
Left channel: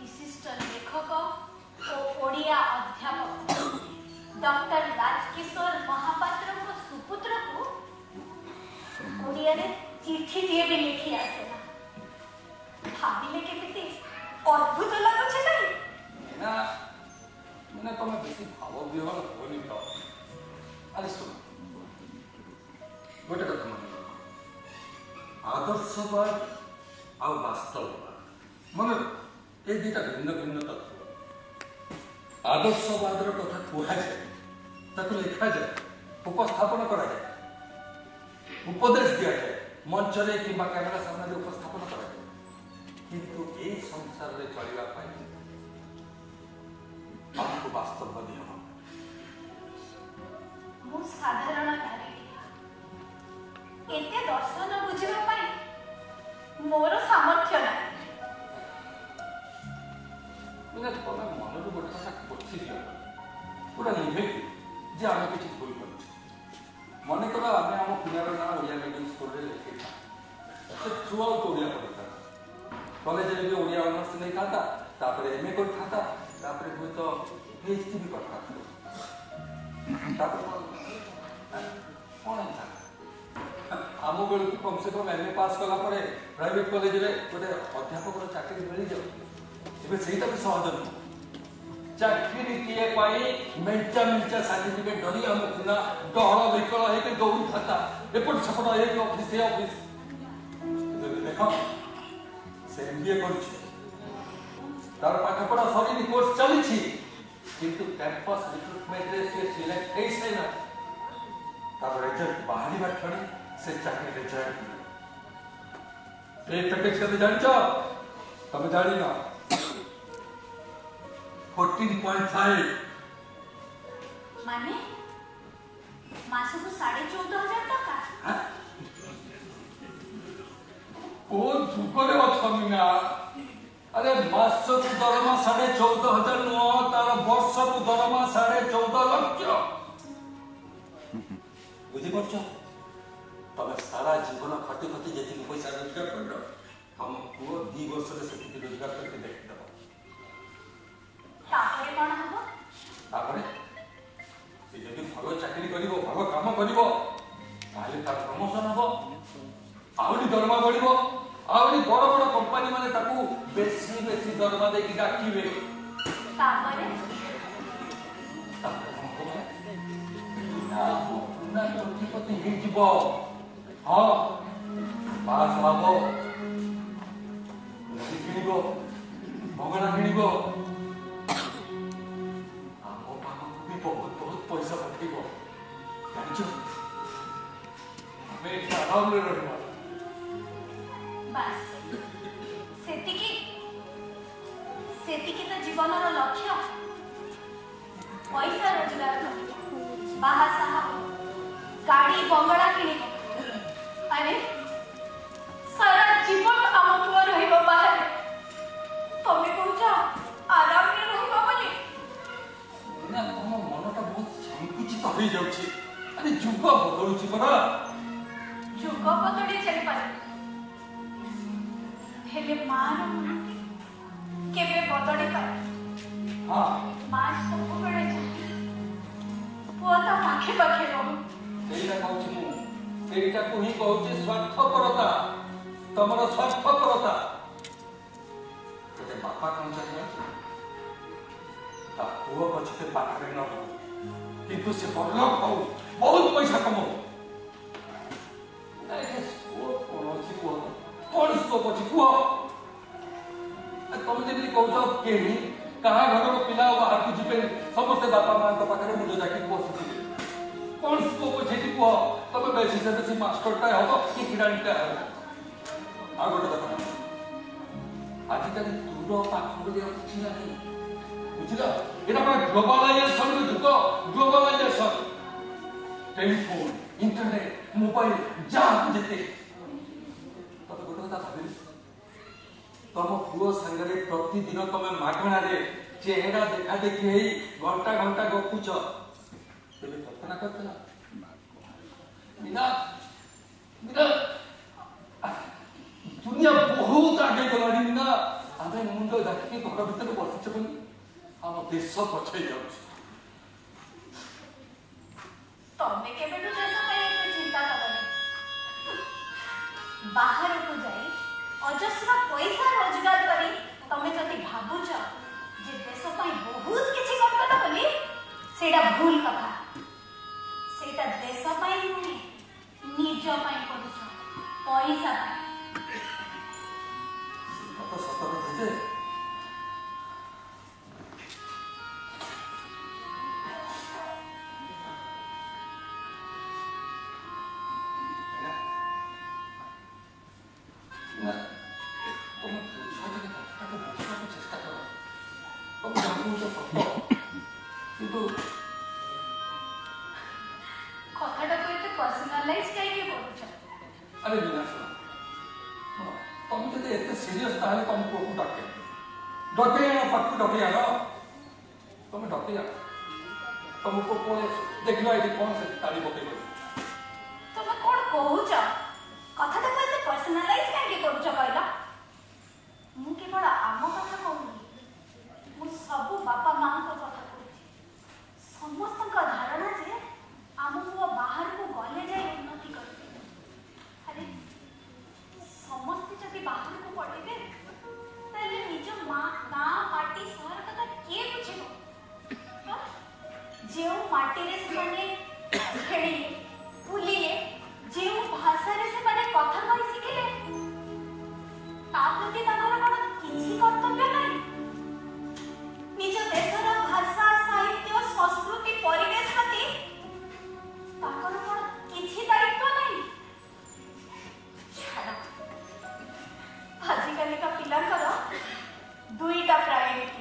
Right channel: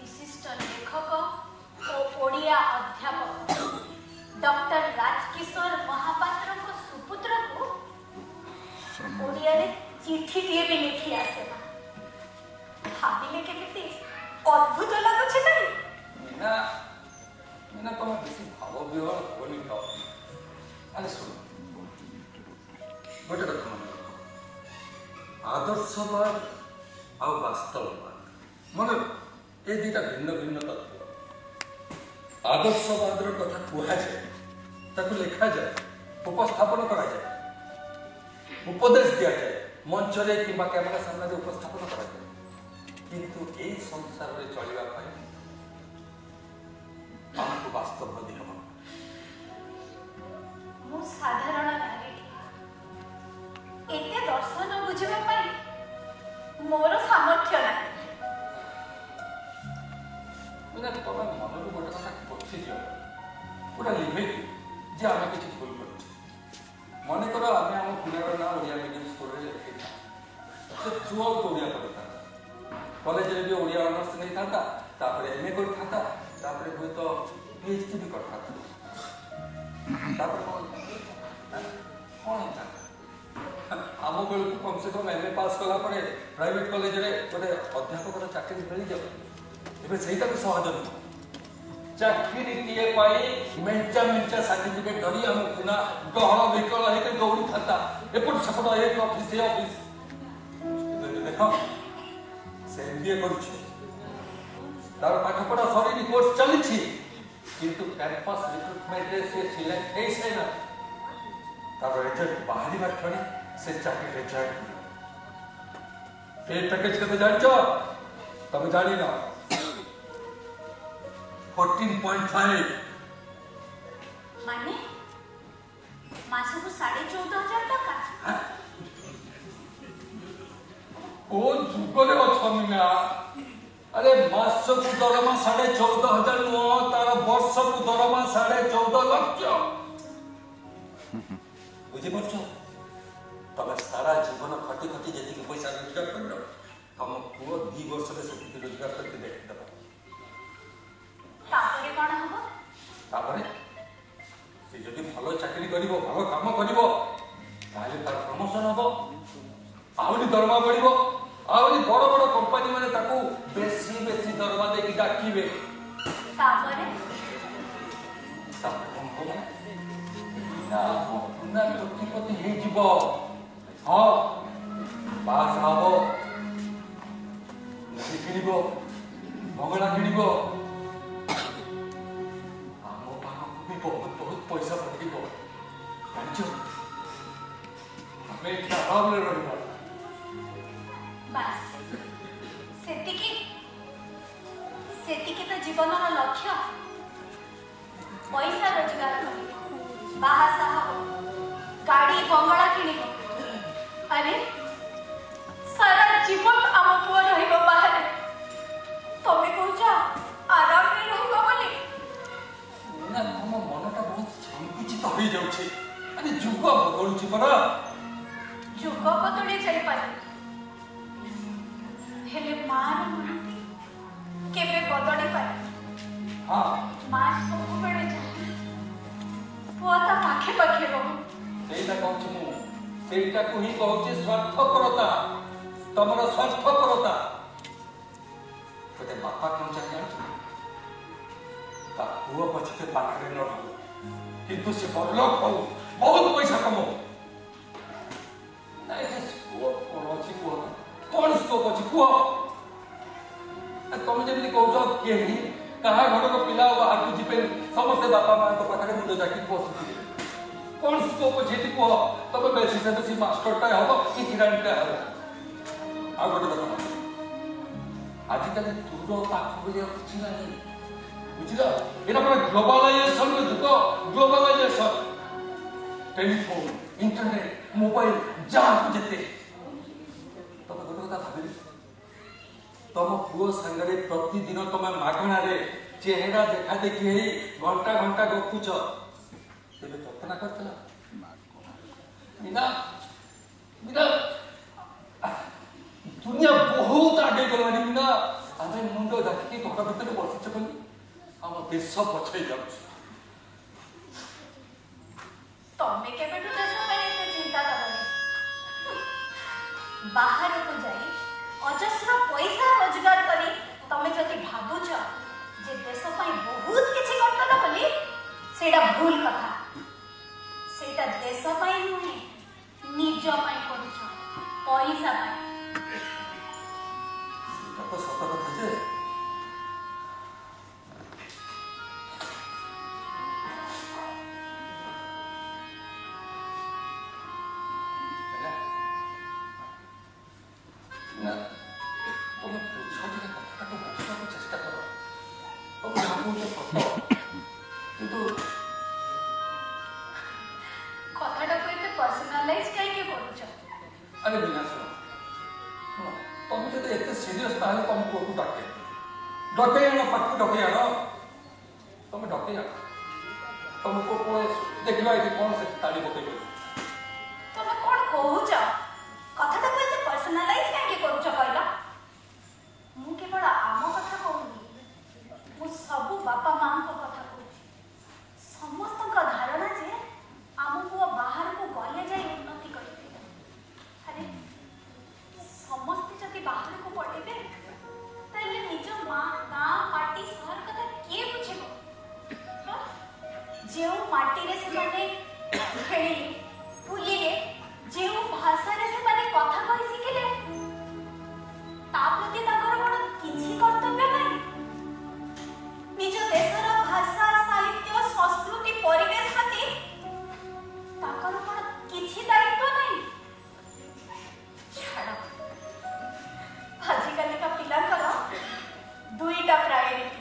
विशिष्ट लेखक और ओडिया अध्यापक डॉक्टर राजकिशोर महापात्र को सुपुत्र को ओडिया रे चिट्ठी दिए भी लिखी आसे ଅଦ୍ଭୁତ ଲାଗୁଛି ଭାଇ। मीना मीना तुम बेसी भाव विहर होनी था। अरे सुन गोटे कथा मन आदर्शवाद आ वास्तववाद मन ए दुटा भिन्न भिन्न तत्व। आदर्शवाद कथा कहुए ताकू लिखा जाए उपस्थापन करा जाए उपदेश दिया जाए मंच रे किंबा कैमेरा सामने उपस्थापन करा जाए किंतु ए संसार रे चलिबा पाई हमको वास्तववादी हम मु साधारण नारी एते दर्शन बुझिबा पाई मोर सामर्थ्य नाही। मैंने तुम मन को गोटे कथा पछी दियो पूरा लिभे जे आम किसी भूल कर मन कर आम आम पिलार ना ओडिया मीडियम स्कूल में लिखे थ्रू आउट ओडिया पढ़ता कॉलेज में भी ओडिया ऑनर्स नहीं था एमए कर था हूँ तो पीएचडी भी कर आम बेलू कम से कम एमए पास कला प्राइवेट कॉलेज में गोटे अध्यापक चाकरी मिल जाओ से सहज नुह चाकरी किए मेचा मेचा सर्टिफिकेट धरी आम पिला डहल विकल होकर दौड़ी था एपट सेपट एक ऑफिस ये ऑफिस देख से एमबीए कर पाठपढ़ा सरी कोर्स चली किंतु कैंपस रिक्रुटमेंट रे से सिलेक्ट हो सारा तार रिजल्ट बाहर क्षण से चाकरी रे जॉइन पे पैकेज के जान तुम जानी ना 14.5 माने मास को 14,500 टका कौन जुगरे अमीना अरे मास को दरमा 14,500 नुह तार वर्ष को दरमा 14.5 लाख बुझीपार तुम सारा जीवन खटी खटी जी पैसा रोजगार कर तुम पुओ 2 वर्ष से रोजगार करके देखदेव से जदि भल चाकरी कर भल काम कर तार प्रमोशन हम आहरी दरमा बढ़ आहरी बड़ बड़ कंपानी माने बेसी बेसी दरमा देकी डाकिबे कोटिपति हाँ पास हम किण बंगला किण बहुत बहुत पैसा पठेब रहा तो जीवन लक्ष्य पैसा रोजगार बाहा गाड़ी बंगला किणी अरे सारा जीवन आम पुआ रहा तमें कौच आराम में रही तुम मनटा बहुत संकुचित हो जाउछि अरे जुग बदलुछि परा जुग बदली जाई पारे हेले मान केबे बदली पारे हां मां सब बेले पुआ ता पाखे पाखे रहो सेटा कहछि मु सेटा को ही कहछि स्वार्थपरता तमरा स्वार्थपरता गोटे बापा कौन चाहिए पुओ पछे पाखरे न किंतु से बड़लो करू बहुत पैसा कमो कौन पुओ पछे पुओ तुम जमी कौच कहीं कहा घर पिला बाहर को जीपे समस्ते बापा माँ पाखे मुझे जाकि बसुथे कौन पुओ पछे पुओ तुम बेसी से बेसी मास्टरटा हम कि किराणीटा हम आ गोटे कथा आजिकल दूर पाख किसी ना बुझल এটা মানে গ্লোবালাইজেশন যুগ গ্লোবালাইজেশন টেলিফোন इंटरनेट मोबाइल जहाँ जेते तुम गोटे कथा भाव तुम पुओ सांगे प्रतिदिन तुम मागणा चेहरा देखा देखी घंटा घंटा गपुच तेरे कल्पना करता मीना मीना दुनिया बहुत आगे गलानी मीना आम मुंड देखिए घर भर बसिचे बोली आम देश पछाई जाऊँ तमें केबे देश ପାଇଁ ଚିନ୍ତା କରନି ବାହାରକୁ ଯାଇ ଅଜସ୍ର ପଇସା ରୋଜଗାର କରି ତମେ ଯଦି ସେଇଟା ଭୁଲ କଥା। ସେଇଟା ଦେଶ ପାଇଁ ନୁହେଁ, ନିଜ ପାଇଁ କରୁଛ, ପଇସା ପାଇଁ। ସେଇଟା ତ ସତ କଥା ଯେ ନା ତମେ ଛୁଆଟିରେ କଥାଟାକୁ ବୁଝିବାକୁ ଚେଷ୍ଟା କର। ତମେ କହୁଛ ସତ, କିନ୍ତୁ କଥାଟାକୁ ଏତେ ପର୍ସନାଲାଇଜ କାହିଁକି କରୁଛ? ଆରେ ବିନା ଶୁଣ, ତମେ ଯଦି ଏତେ ସିରିୟସ୍ ତାହେଲେ ତମ ପୁଅକୁ ଡକେଇ ଆଣ, ପାଖକୁ ଡକେଇ ଆଣ। ତମେ ଡକେଇ ଆଣ ତମ ପୁଅ ପୁଅ ଦେଖିଲ ଏଠି କଣ ସେ ତାଳି ପକେଇ ପଡିବ। ତମେ କଣ କହୁଛ? କଥାଟାକୁ ଏତେ ପର୍ସନାଲାଇଜ କାହିଁକି କରୁଛ କହିଲ? ମୁଁ କେବଳ ଆମ କଥା କହୁନି, ମୁଁ ସବୁ ବାପା ମାଙ୍କ କଥା କହୁଛି। ସମସ୍ତଙ୍କ ଧାରଣା ଯେ ଆମ ପୁଅ ବାହାରକୁ ଗଲେ ଯାଇ ଉନ୍ନତି କରିବେ। ଆରେ ସମସ୍ତେ ଯଦି ବାହାରକୁ ପଳେଇବେ ତାହେଲେ ନିଜ ଗାଁ, ମାଟି, ସହର କଥା କିଏ ବୁଝିବ? ଯେଉଁ ମାଟିରେ ସେମାନେ ଖେଳିଲେ, ବୁଲିଲେ, ଯେଉଁ ଭାଷାରେ ସେମାନେ କଥା କହି ଶିଖିଲେ, ତା ପ୍ରତି ତାଙ୍କର କଣ କିଛି କର୍ତ୍ତବ୍ୟ ନାହିଁ? ନିଜ ଦେଶର ଭାଷା, ସାହିତ୍ୟ, ସଂସ୍କୃତି, ପରିବେଶ ପ୍ରତି ତାଙ୍କର କଣ କିଛି ଦାୟିତ୍ୱ ନାହିଁ? ଛାଡ଼, ଆଜିକାଲିକା ପିଲାଙ୍କର ଦୁଇଟା ପ୍ରାୟୋରିଟି,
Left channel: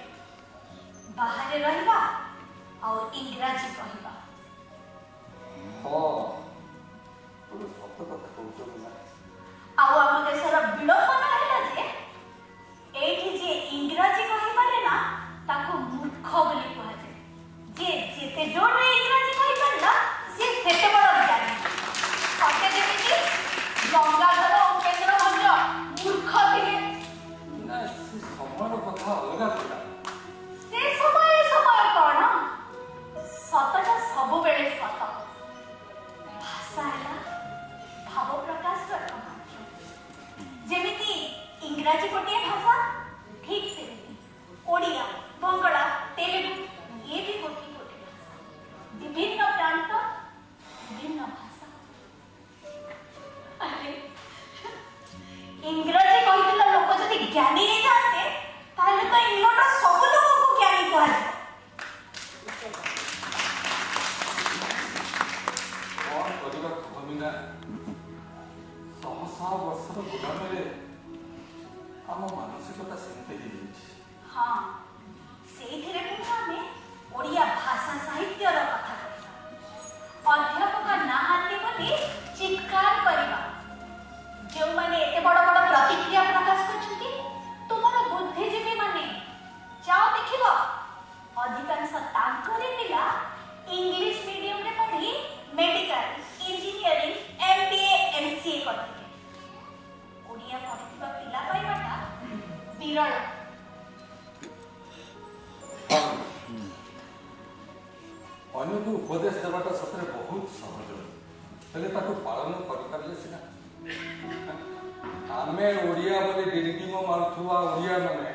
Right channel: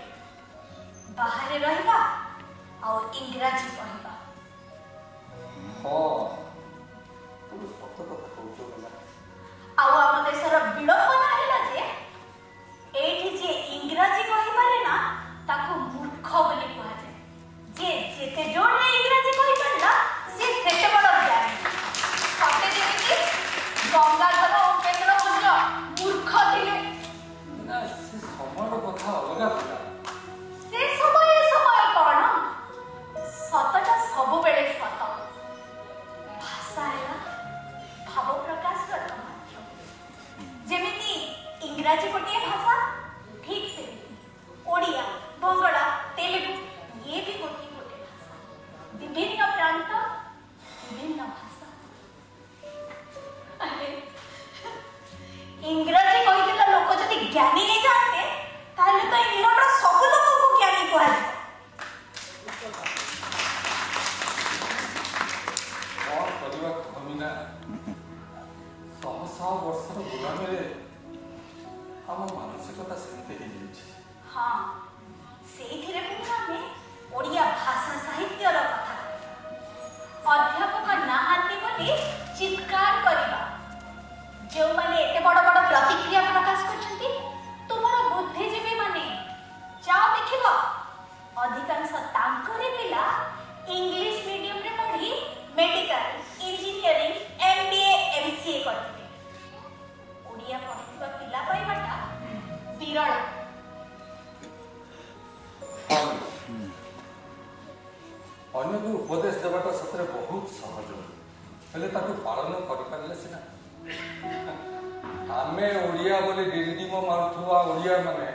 ବାହାରେ ରହିବା ଆଉ ଇଂରାଜୀ କହିବା। ହଁ, ତୁ ସତ କଥା କହୁଛ ନା। ଆଉ ଆମ ଦେଶର ବିଡ଼ମ୍ବନା ହେଲା ଯେ ଏଇଠି ଯିଏ ଇଂରାଜୀ କହିପାରେ ନା ତାକୁ ମୂର୍ଖ ବୋଲି କୁହାଯାଏ। ଯିଏ ଯେତେ ଜୋରରେ ଇଂରାଜୀ କହିପାରିଲା ସିଏ ସେତେ ବଡ଼ ଜ୍ଞାନୀ। ସତେ ଯେମିତି ଗଙ୍ଗାଧର ଉପେନ୍ଦ୍ର ଭଞ୍ଜ ମୂର୍ଖ ଥିଲେ। ନା, ସେ ସମୟର କଥା ଅଲଗା ଥିଲା। ସେ ସମୟ କଣ? ସତଟା ସବୁବେଳେ ସତ। ଭାଷା ହେଲା ଭାବ ପ୍ରକାଶର ମାଧ୍ୟମ। ଯେମିତି ଇଂରାଜୀ ଗୋଟିଏ ଭାଷା, ଠିକ୍ ସେମିତି ଓଡ଼ିଆ, ବଙ୍ଗଳା, ତେଲୁଗୁ ଇଏ ବି ଗୋଟିଏ ଭାଷା। ବିଭିନ୍ନ ପ୍ରାନ୍ତ, ବିଭିନ୍ନ ଭାଷା। ଆରେ ଇଂରାଜୀ କହିଥିବା ଲୋକ ଯଦି ଜ୍ଞାନୀ ହେଇଥାନ୍ତେ ତାହେଲେ ତ ଇଂଲଣ୍ଡର ସବୁ ଲୋକଙ୍କୁ ଜ୍ଞାନୀ କୁହାଯିବ। କଣ କରିବା କହନି ନା, ଶହ ଶହ ବର୍ଷର ଗୁଲାମୀରେ ଆମ ମାନସିକତା ସେମିତି ହେଇଯାଇଛି। ହଁ, ସେଇଥିରେ ପୁଣି ଆମେ ଓଡ଼ିଆ ଭାଷା ସାହିତ୍ୟର କଥା କହିବା, ଅଧ୍ୟାପକ ନାହାନ୍ତି ବୋଲି ଚିତ୍କାର କରିବା। ଯେଉଁମାନେ ଏତେ ବଡ଼ ବଡ଼ ପ୍ରତିକ୍ରିୟା ପ୍ରକାଶ କରୁଛନ୍ତି, ତୁମର ବୁଦ୍ଧିଜୀବୀ ମାନେ ଯାଅ ଦେଖିବ, ଅଧିକାଂଶ ତାଙ୍କରି ପିଲା ଇଂଲିଶ ମିଡିୟମରେ ପଢି ମେଡିକାଲ, ଇଞ୍ଜିନିୟରିଂ, MBA, MCA କରିଥିଲେ। ଓଡ଼ିଆ ପଢିଥିବା ପିଲା ପାଇବାଟା ବିରଳ। ଅନ୍ୟକୁ ଉପଦେଶ ଦେବାଟା ସତରେ ବହୁତ ସହଜ, ହେଲେ ତାକୁ ପାଳନ କରିପାରିଲେ ସିନା। ଆମେ ଓଡ଼ିଆ ବୋଲି ଡିଣ୍ଡିମ ମାରୁଥିବା ଓଡ଼ିଆ ମାନେ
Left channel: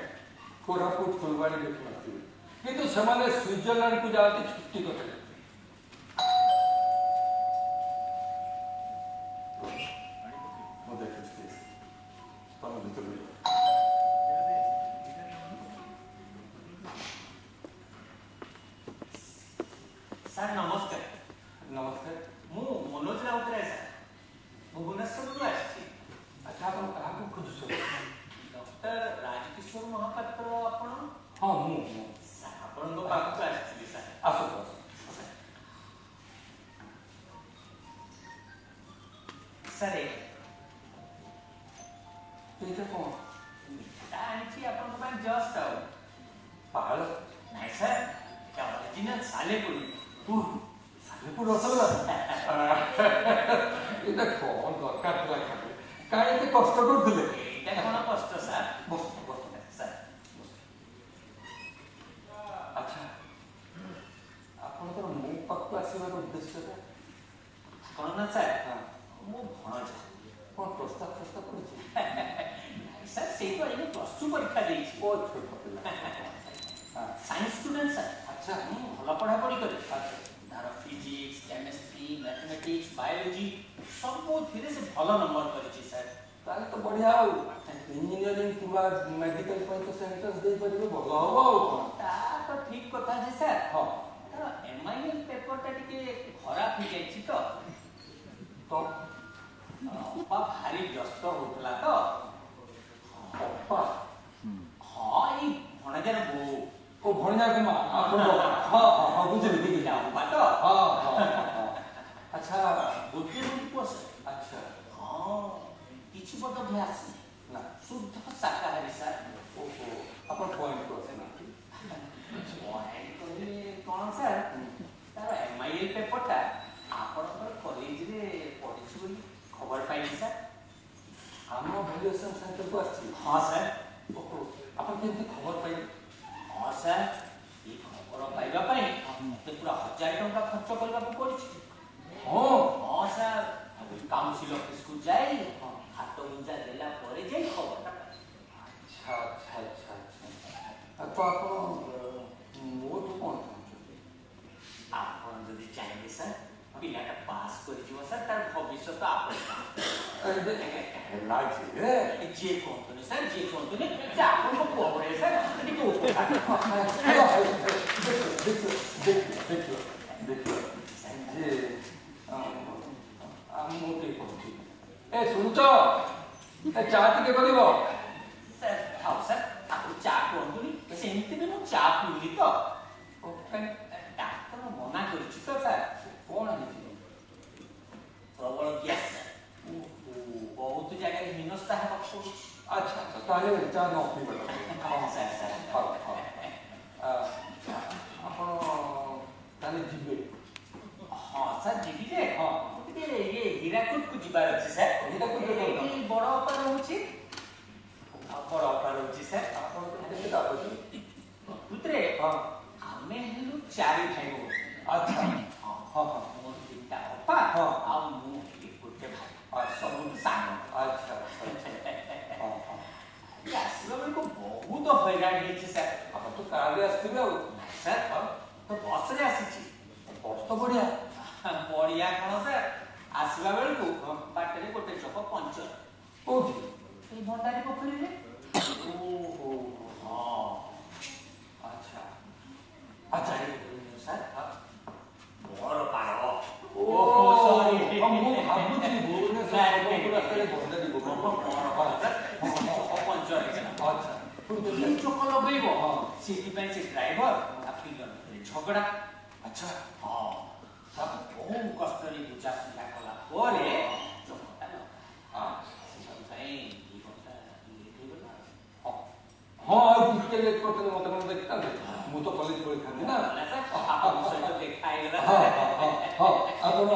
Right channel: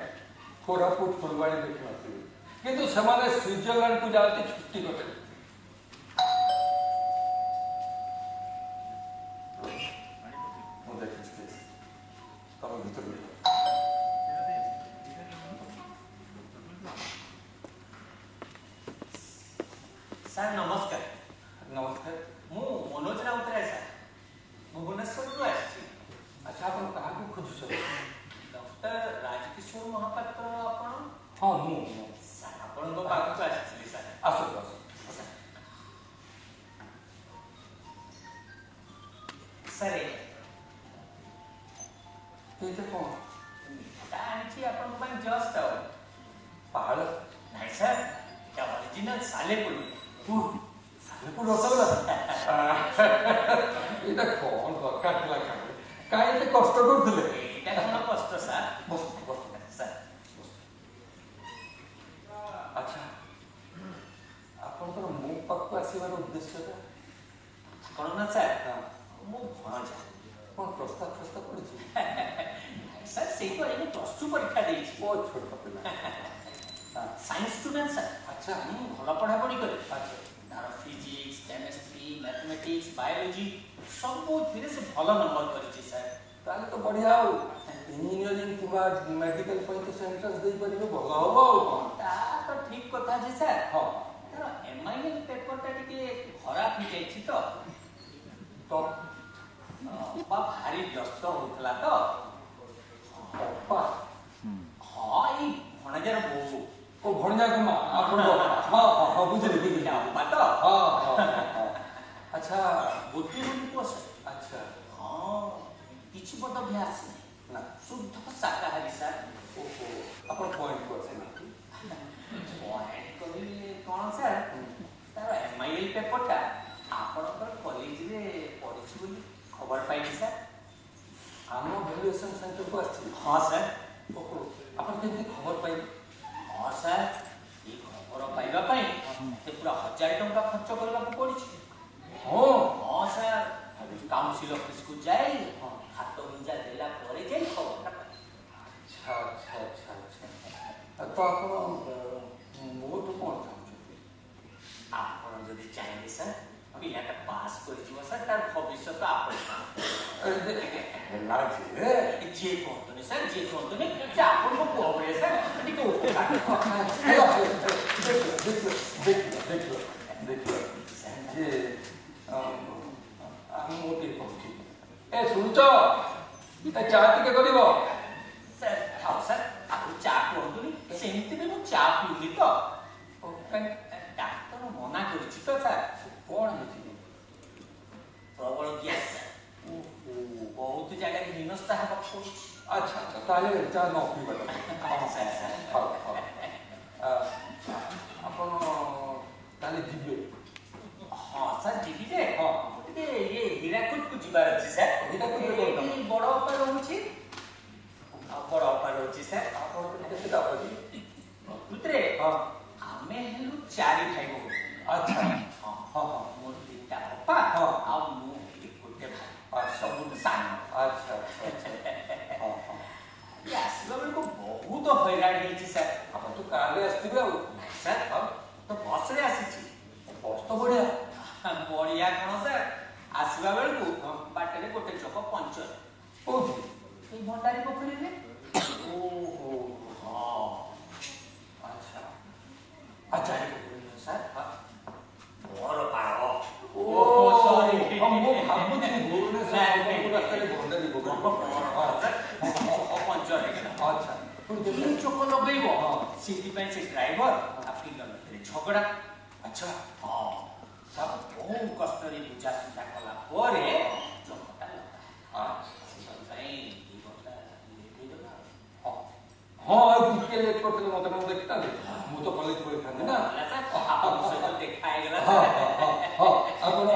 କୋରାପୁଟ ଫୁଲବାଣୀ ଦେଖିନଥିବେ, କିନ୍ତୁ ସେମାନେ ସୁଇଜରଲ୍ୟାଣ୍ଡକୁ ଯାଆନ୍ତି ଛୁଟି କଟେ। ମୁଁ ଦେଖିଛି ତମ ଭିତରୁ ସାର୍ ନମସ୍କାର। ନମସ୍କାର। ମୁଁ ମନୋଜ ରାଉତରାୟ ସାର୍, ଭୁବନେଶ୍ୱରରୁ ଆସିଛି। ଆଚ୍ଛା, ଆପଣ କାହାକୁ ଖୋଜୁଛନ୍ତି? ଡକ୍ଟର ରାଜକିଶୋର ମହାପାତ୍ର ଆପଣ? ହଁ, ମୁଁ ସାର୍ ଆପଣଙ୍କ ପାଖକୁ ଆସିଥିଲି ସାର୍। ଆସନ୍ତୁ ଆସନ୍ତୁ। ସାର୍ ଏଇଟା କଣ? ଏଇଟା ଆଣିଛି ଆପଣଙ୍କ ପାଇଁ ଜଷ୍ଟ ଆଉ। ପାହାଳ? ନାଇଁ ସାର୍, ଏଇଟା ଅରିଜିନାଲ ସାଲେପୁରୀ। ସାଲେପୁର ରସଗୋଲା? ଏଇଟା କଣ ଦରକାର ଥିଲା? କାହିଁ ଏତେ କଷ୍ଟ କରୁଥିଲେ? ଏଇଟା କଣ କଷ୍ଟ ସାର୍? ବସନ୍ତୁ ବସନ୍ତୁ ସାର୍ ଆଚ୍ଛା, ଆପଣଙ୍କର ମୋ ପାଖକୁ ଆସିବାର ଉଦ୍ଦେଶ୍ୟଟା କଣ ନା ସାର୍, ମୋ ଭଣଜା କଣ ପ୍ରସ୍ତାବ କରୁଛି? ସାର୍ ସେଇଠୁ ଆଇଲେ +2 ପରୀକ୍ଷା ଦେଇଛି। ଓ ଛୋଟ ପିଲା। Science student sir. अच्छा ଭଲ ପଢାପଢି କରେ अच्छा ତାର ଫିଜିକ୍ସ କେମିଷ୍ଟ୍ରି ମ୍ୟାଥମେଟିକ୍ସ ବାୟୋଲୋଜି ସବୁଥିରେ ସେ ଭଲ ନମ୍ବର କରିଛି ସାର୍ ताले तो बढ़िया हो इंजीनियरिंग किबा मेडिकल पर तो सेंट्रस दे परिबे भलो हो ତା ତ ଠିକ କଥା ଯେ ସାର୍ हां ତାର MIL ପେପରଟା ଟିକେ ଖରାପ ହେଇଯାଇଛି ତ तो ଅପା ଭାରି ବ୍ୟସ୍ତ ହଉଥିଲା ତ पापा ହଁ ଏଇ ଭଣଜାର ବୋଉ ओ भणजा को मां आपण हां हां बुझली बुझली ଅପା ତ हां हां अच्छा ଗୋଟିଏ ବୋଲି ପୁଅ ସାର୍ अच्छा ହଁ କିଛି ବୋଧ ବି ଆସିନି ना शुद्ध शाकाहारी सार ओहो आपण पॉइंट को से ना କହିଲେ କଣ ସାର୍ ତାର MIL ପେପରଟା ଆପଣଙ୍କର କଲେଜରେ ପଢିଛି ବୋଲି ଖବର ପାଇଲି ସାର୍ हम वैल्यूएशन सेंटर को आछि ହଁ ସାର୍ ओहो आपण केमती खबर पाई ହଁ ସାର୍ ଏଇ ଖବର ପାଇବା ପାଇଁ ସେ ପୁରା 1000 ଟଙ୍କା ଖର୍ଚ୍ଚ କରିବାକୁ ପଡିଛି हां ହଁ ସାର୍ କାଉନ୍ସିଲ ଅଫିସକୁ ଯାଇ ହାତ ଗୁଞ୍ଜା ଦେଲା ପରେ ଯାଇ ଖବରଟା ପାଇଲି अच्छा अच्छा अच्छा अच्छा तो आपण मोर कोन चाहू ଆପଣ ଯଦି ଚାହିଁବେ ସାର୍ ପିଲାଟା ପାସ୍ କରିଯିବ ସାର୍ ତାର ଭବିଷ୍ୟତ ଆପଣ लाजे ଯିଏ କୁହନ୍ତୁନି ସାର୍ ଯିଏ କୁହନ୍ତୁନି ସେ ଆପଣଙ୍କ ପୁଅ ଭଳିଆ ସାର୍ ଟିକେ ଉପକାର देखियो जे हम मोटी पहुंची ए सुनचो ए चा टिके करिवो ସାର୍ ଥାଉ ସାର୍ ଆଉ ଚା କୁହନ୍ତୁନି ସେମିତି ବି ମୁଁ ଚା ପିଉନି ତ ଡାକ୍ତର ମନା କରୁଛି ତ ସାର୍ कोन हिची ପ୍ରବଳ ଗ୍ୟାସ୍ ବହୁତ ଜାଗାରେ ହୀନସ୍ତା ହେବାକୁ ପଡୁଛି अच्छा अच्छा ताले चा न पिबो ହଁ ସାର୍ ସାର୍ हां आपण ताले जिबे ହଁ ସାର୍ ଯିବି ଯେ ହଁ। ଟିକେ ଇଏ ହୀରାକୁଦକୁ ଯିବାର ଅଛି ସାର୍ ହୀରାକୁଦ ରେ କଣ? ଏଇଠି ବଡ ଅପା ରହୁଛି ବଡ ଅପା ରହୁଛି ସାର୍ आपण केते दाबजी ପ୍ରକୃତରେ हां ଆମେ ହେଲୁ 4 ଭାଇ ଭଉଣୀ अच्छा ହଁ हां हां ମୋ ଦିଟା ଅପା ହଁ। ଆଉ ମୁଁ ଏଠି ଗୋଟେ ଭାଇ ଆଚ୍ଛା। ସବୁଠୁ ସାନ अच्छा अच्छा हां हां ଇଏ ଆସିବା ବେଳକୁ ବହୁତ ହଇରାଣ ହେଇଛି ସାର୍ आपण तो कार रे आस्तिबे आ ସାର୍ ତ ବସରେ ଆସିଛି बस तो बढ़िया ବଢିଆ କଣ ସାର୍ ଆସିବା ବେଳକୁ ବାଟରେ ଗୋଟେ ଚକ ପଞ୍ଚର कोठी ଏଇ ଭଣ୍ଡାରୀ ପୋଖରୀରେ ओहो ହଁ अच्छा अच्छा ସାର୍ ମୋର ପାଳ ओहो ସରି हम भाबुची भूले से रास्ते भंडारी गोबर ପଞ୍ଚର ହେଇଗଲା अच्छा ଏଇ ଚକ ଲଗେଇବ ସେଥିପାଇଁ ସେ ଡ୍ରାଇଭର ଆପଣଙ୍କ ଭିତରେ ଝଗଡା अच्छा ହଁ ତାକୁ ବହୁ କଷ୍ଟରେ ବୁଝାସୁଝା କଲା ପରେ ଚକଟା ଲଗା ସେଥିପାଇଁ 2 ଘଣ୍ଟା ହେଇଗଲା हां आ टिके लेट करते मते न देखता मु तो कॉलेज पढ़ी था ना ଆପଣଙ୍କ ସହିତ ଦେଖା ହେଇଗଲା हां हां आपण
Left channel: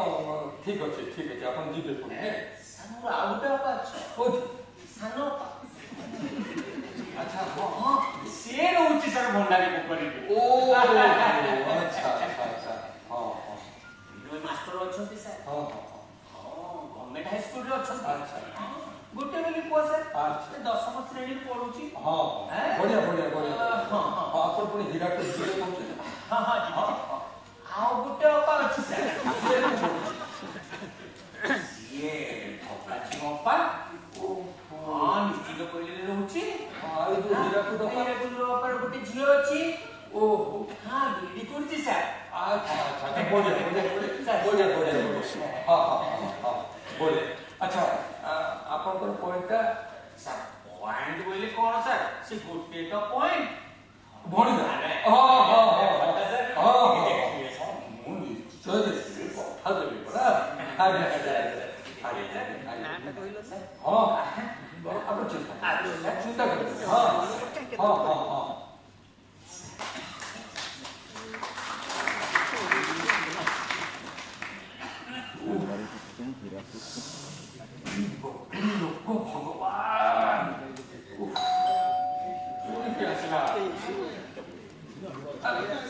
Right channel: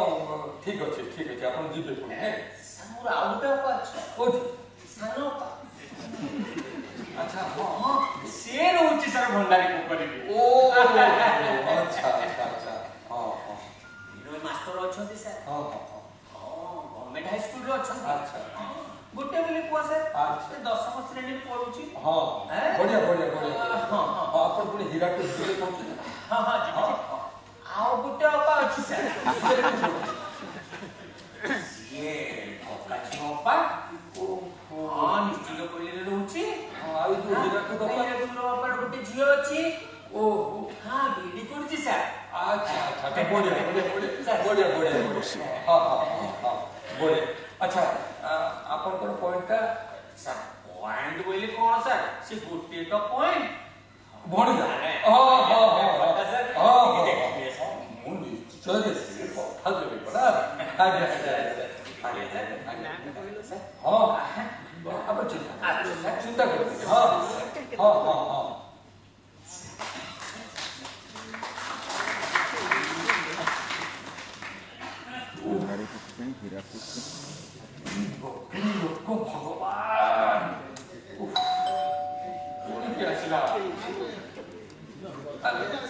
ठीक अछि आपण जिबे ସାର୍ ମୋର ଆଉ ଗୋଟେ ଅପା ଅଛି कोठी ସାନ ଅପା अच्छा हां ହଁ ସେ ରହୁଛି ସାର୍ ଭଣ୍ଡାରୀ ପୋଖରୀରେ ओ अच्छा अच्छा अच्छा हां हां ବିନୋଦ ମାଷ୍ଟର ଅଛନ୍ତି ସାର୍ हां हां ହଁ ଗଭର୍ଣ୍ଣମେଣ୍ଟ ହାଇସ୍କୁଲରେ ଅଛନ୍ତି ଆଚ୍ଛା। ଗୋଟେ ବୋଲି ପୁଅ ସାର୍ ଆଚ୍ଛା। ସେ 10ମ ଶ୍ରେଣୀରେ ପଢୁଛି हां बढ़िया बढ़िया बढ़िया ହଁ ହଁ आपण पुणी हीराकुद जिले पहुंचे ହଁ ହଁ ଯିବି ଆଉ ଗୋଟେ ଅପା ଅଛି ସାର୍ ସିଏ ଅପାଛି ଅପା ओहो ହଁ ନିଶ୍ଚିତ ପଲ୍ଲୀରେ ରହୁଛି आई जो हीराकुद ଅପାର ଗୋଟେ ଝିଅ ଅଛି ओहो ହଁ ବିଡି କରୁଛି ସାର୍ अच्छा अच्छा बढ़िया बढ़िया बढ़िया बढ़िया हां हां हां बढ़िया अच्छा आपण पॉइंट ସାର୍ ପଏଣ୍ଟ ବୋଇଲେ କଣ ସାର୍ ସେ ଗୋଟିଏ ତ ପଏଣ୍ଟ बढ़िया हां हां हां हां ମୁଁ ନିଶ୍ଚୟ ଦେଖିବି କଥା ଦେବି ପରା ଆଜ୍ଞା ଆଜ୍ଞା ହଁ ଆପଣ ଚିନ୍ତା କରନ୍ତୁ ହଁ ହଁ ହଁ ହଁ ଲୋକ ଭଗବାନ ଆସିଲା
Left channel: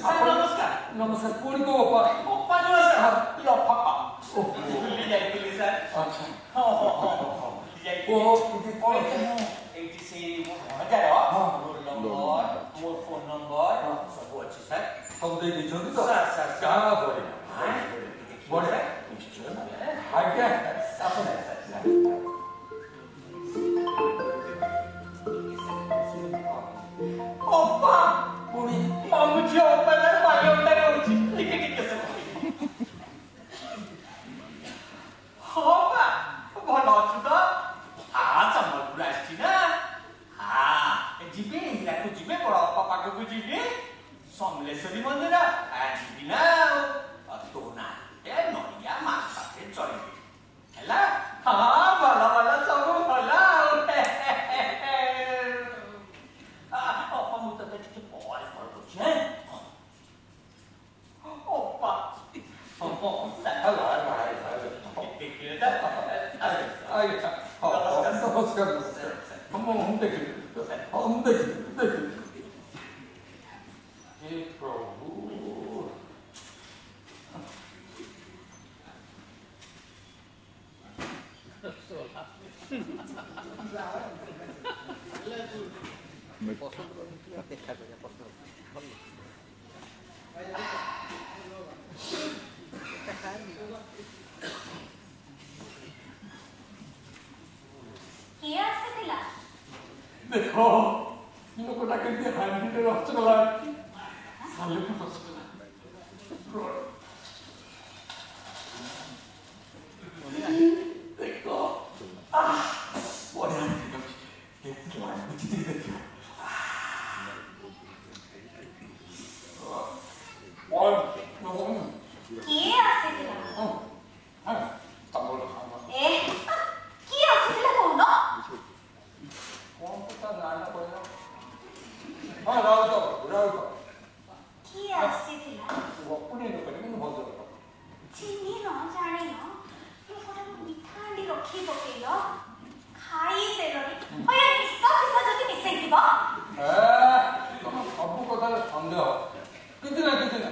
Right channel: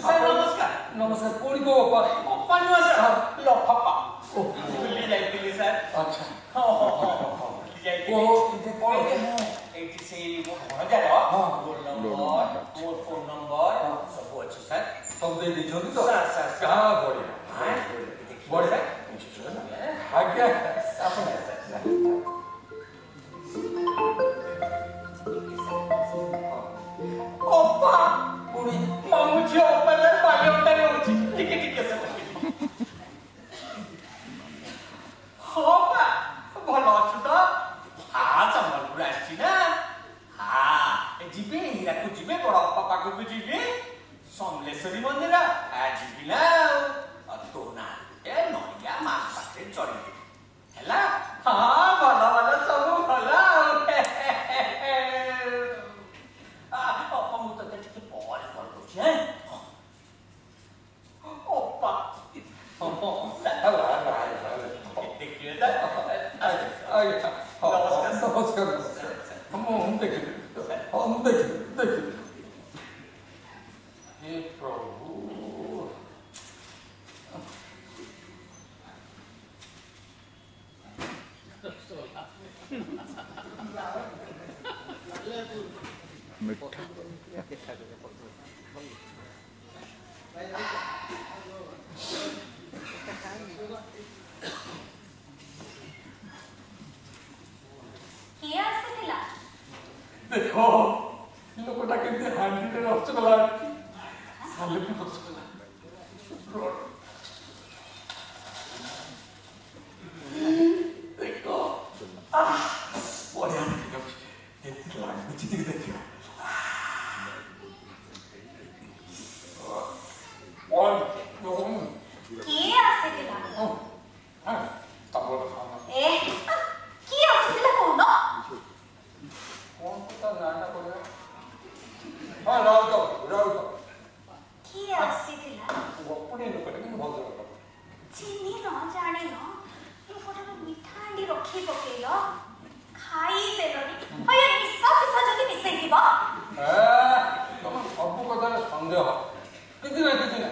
ସାର୍ ନମସ୍କାର ନମସ୍କାର ପୁଣି କୋ ବାପା ଅପା ନୁହଁ ସାର୍ ଲଫାପା ଭୁଲି ଯାଇଥିଲି ସାର୍ ଆଚ୍ଛା ହଁ ହଁ ହଁ ହଁ ଭୁଲି ଯାଇଥିଲି ଏଠି କଣ ଏଇଠି ସେଇ ମୋ ଭଣଜାର ହଁ। ରୋଲ ନମ୍ବର ମୋ ଫୋନ ନମ୍ବର ସବୁ ଅଛି ସାର୍ ସବୁ ଦେଇ ସିଆଡ଼କୁ ଯିବେ ବଡ଼ ବାପା ପାଖକୁ ଯିବେ ସମଲେଶ୍ୱରୀ ମନ୍ଦିର ଯିବି ନା ଆଉ ତୋ ନା ଏ ନଡ଼ିଆ ମାଂସରେ ଚଳିବେ ହେଲା। ହଁ ଭଲ ଭଲ ସବୁ ଭଲ ଆଉ ମୁଁ ତତେ ଟିକେ ପରେ କଲ୍ କରୁଛି। ଅପା ଦେଖିଲେ ତ ପ୍ରଭୁ କିଏ ଆସିଥିଲା? ଦେଖ ଲୋକଟା କେମିତି ହାଣ୍ଡିରେ ରସଗୋଲା ଅଛି ସାଲେପୁର ରସଗୋଲା ଦେଖ ବଢିଆ ଦେଖାଯାଉଛି କେମିତି ଲାଗୁଛି ଟିକେ ଦେଖିବ। କିଏ ଆସିଥିଲା? କିଏ ଆସିଥିଲା କହୁନ? କିଏ ଆସିଥିଲା? ଚିହ୍ନି ନ ଜାଣିନ ଲୋକଟାକୁ ମିଠା ହାଣ୍ଡି ରଖି ପକେଇଲ ଖାଇଦେଲଣି। ନିଶ ଫିସ ଯଦି ମିଶେଇଥିବ ସବୁ କଥାରେ ସନ୍ଦେହ କିଛି ନା କିଛି ନା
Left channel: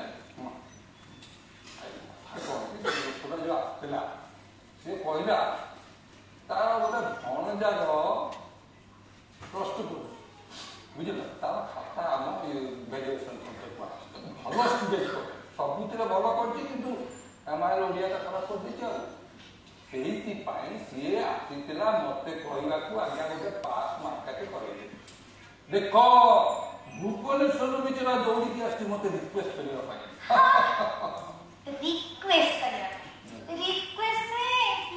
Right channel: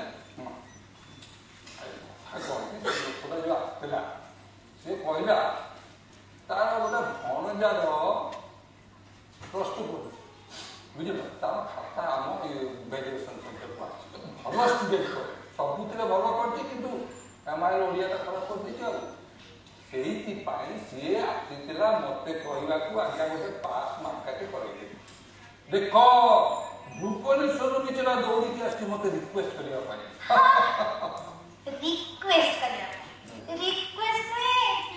ଆସିଥିଲା ସେ କହିଲା ତାର ଗୋଟେ ଭଣଜାର ପ୍ରସ୍ତୁତ ବୁଝିଲ ତାର ଖାତା ଆମ ଗ୍ରାଜୁଏସନ ସେଣ୍ଟରକୁ ଆସିଛି ଭଲ ଷ୍ଟୁଡେଣ୍ଟ ସବୁଥିରେ ଭଲ କରିଛି କିନ୍ତୁ ରାମାୟଣ ଓଡ଼ିଆଟା ଖରାପ କରିଦେଇଛି ଆଉ ସେଇଥିପାଇଁ ସିଏ ଆସିଥିଲା ମତେ କହିବାକୁ ଆଜ୍ଞା ଗୋଟେ ପାସ୍ ମାର୍କାଟେ କହିଲେ ଦେଖ ଭୁବନେଶ୍ୱରରୁ କିଛିଟା ଦୌଡ଼ିକି ଆସିଛି ମତେ ରିକ୍ୱେଷ୍ଟ କରିବା ପାଇଁ। ରିକ୍ୱେଷ୍ଟ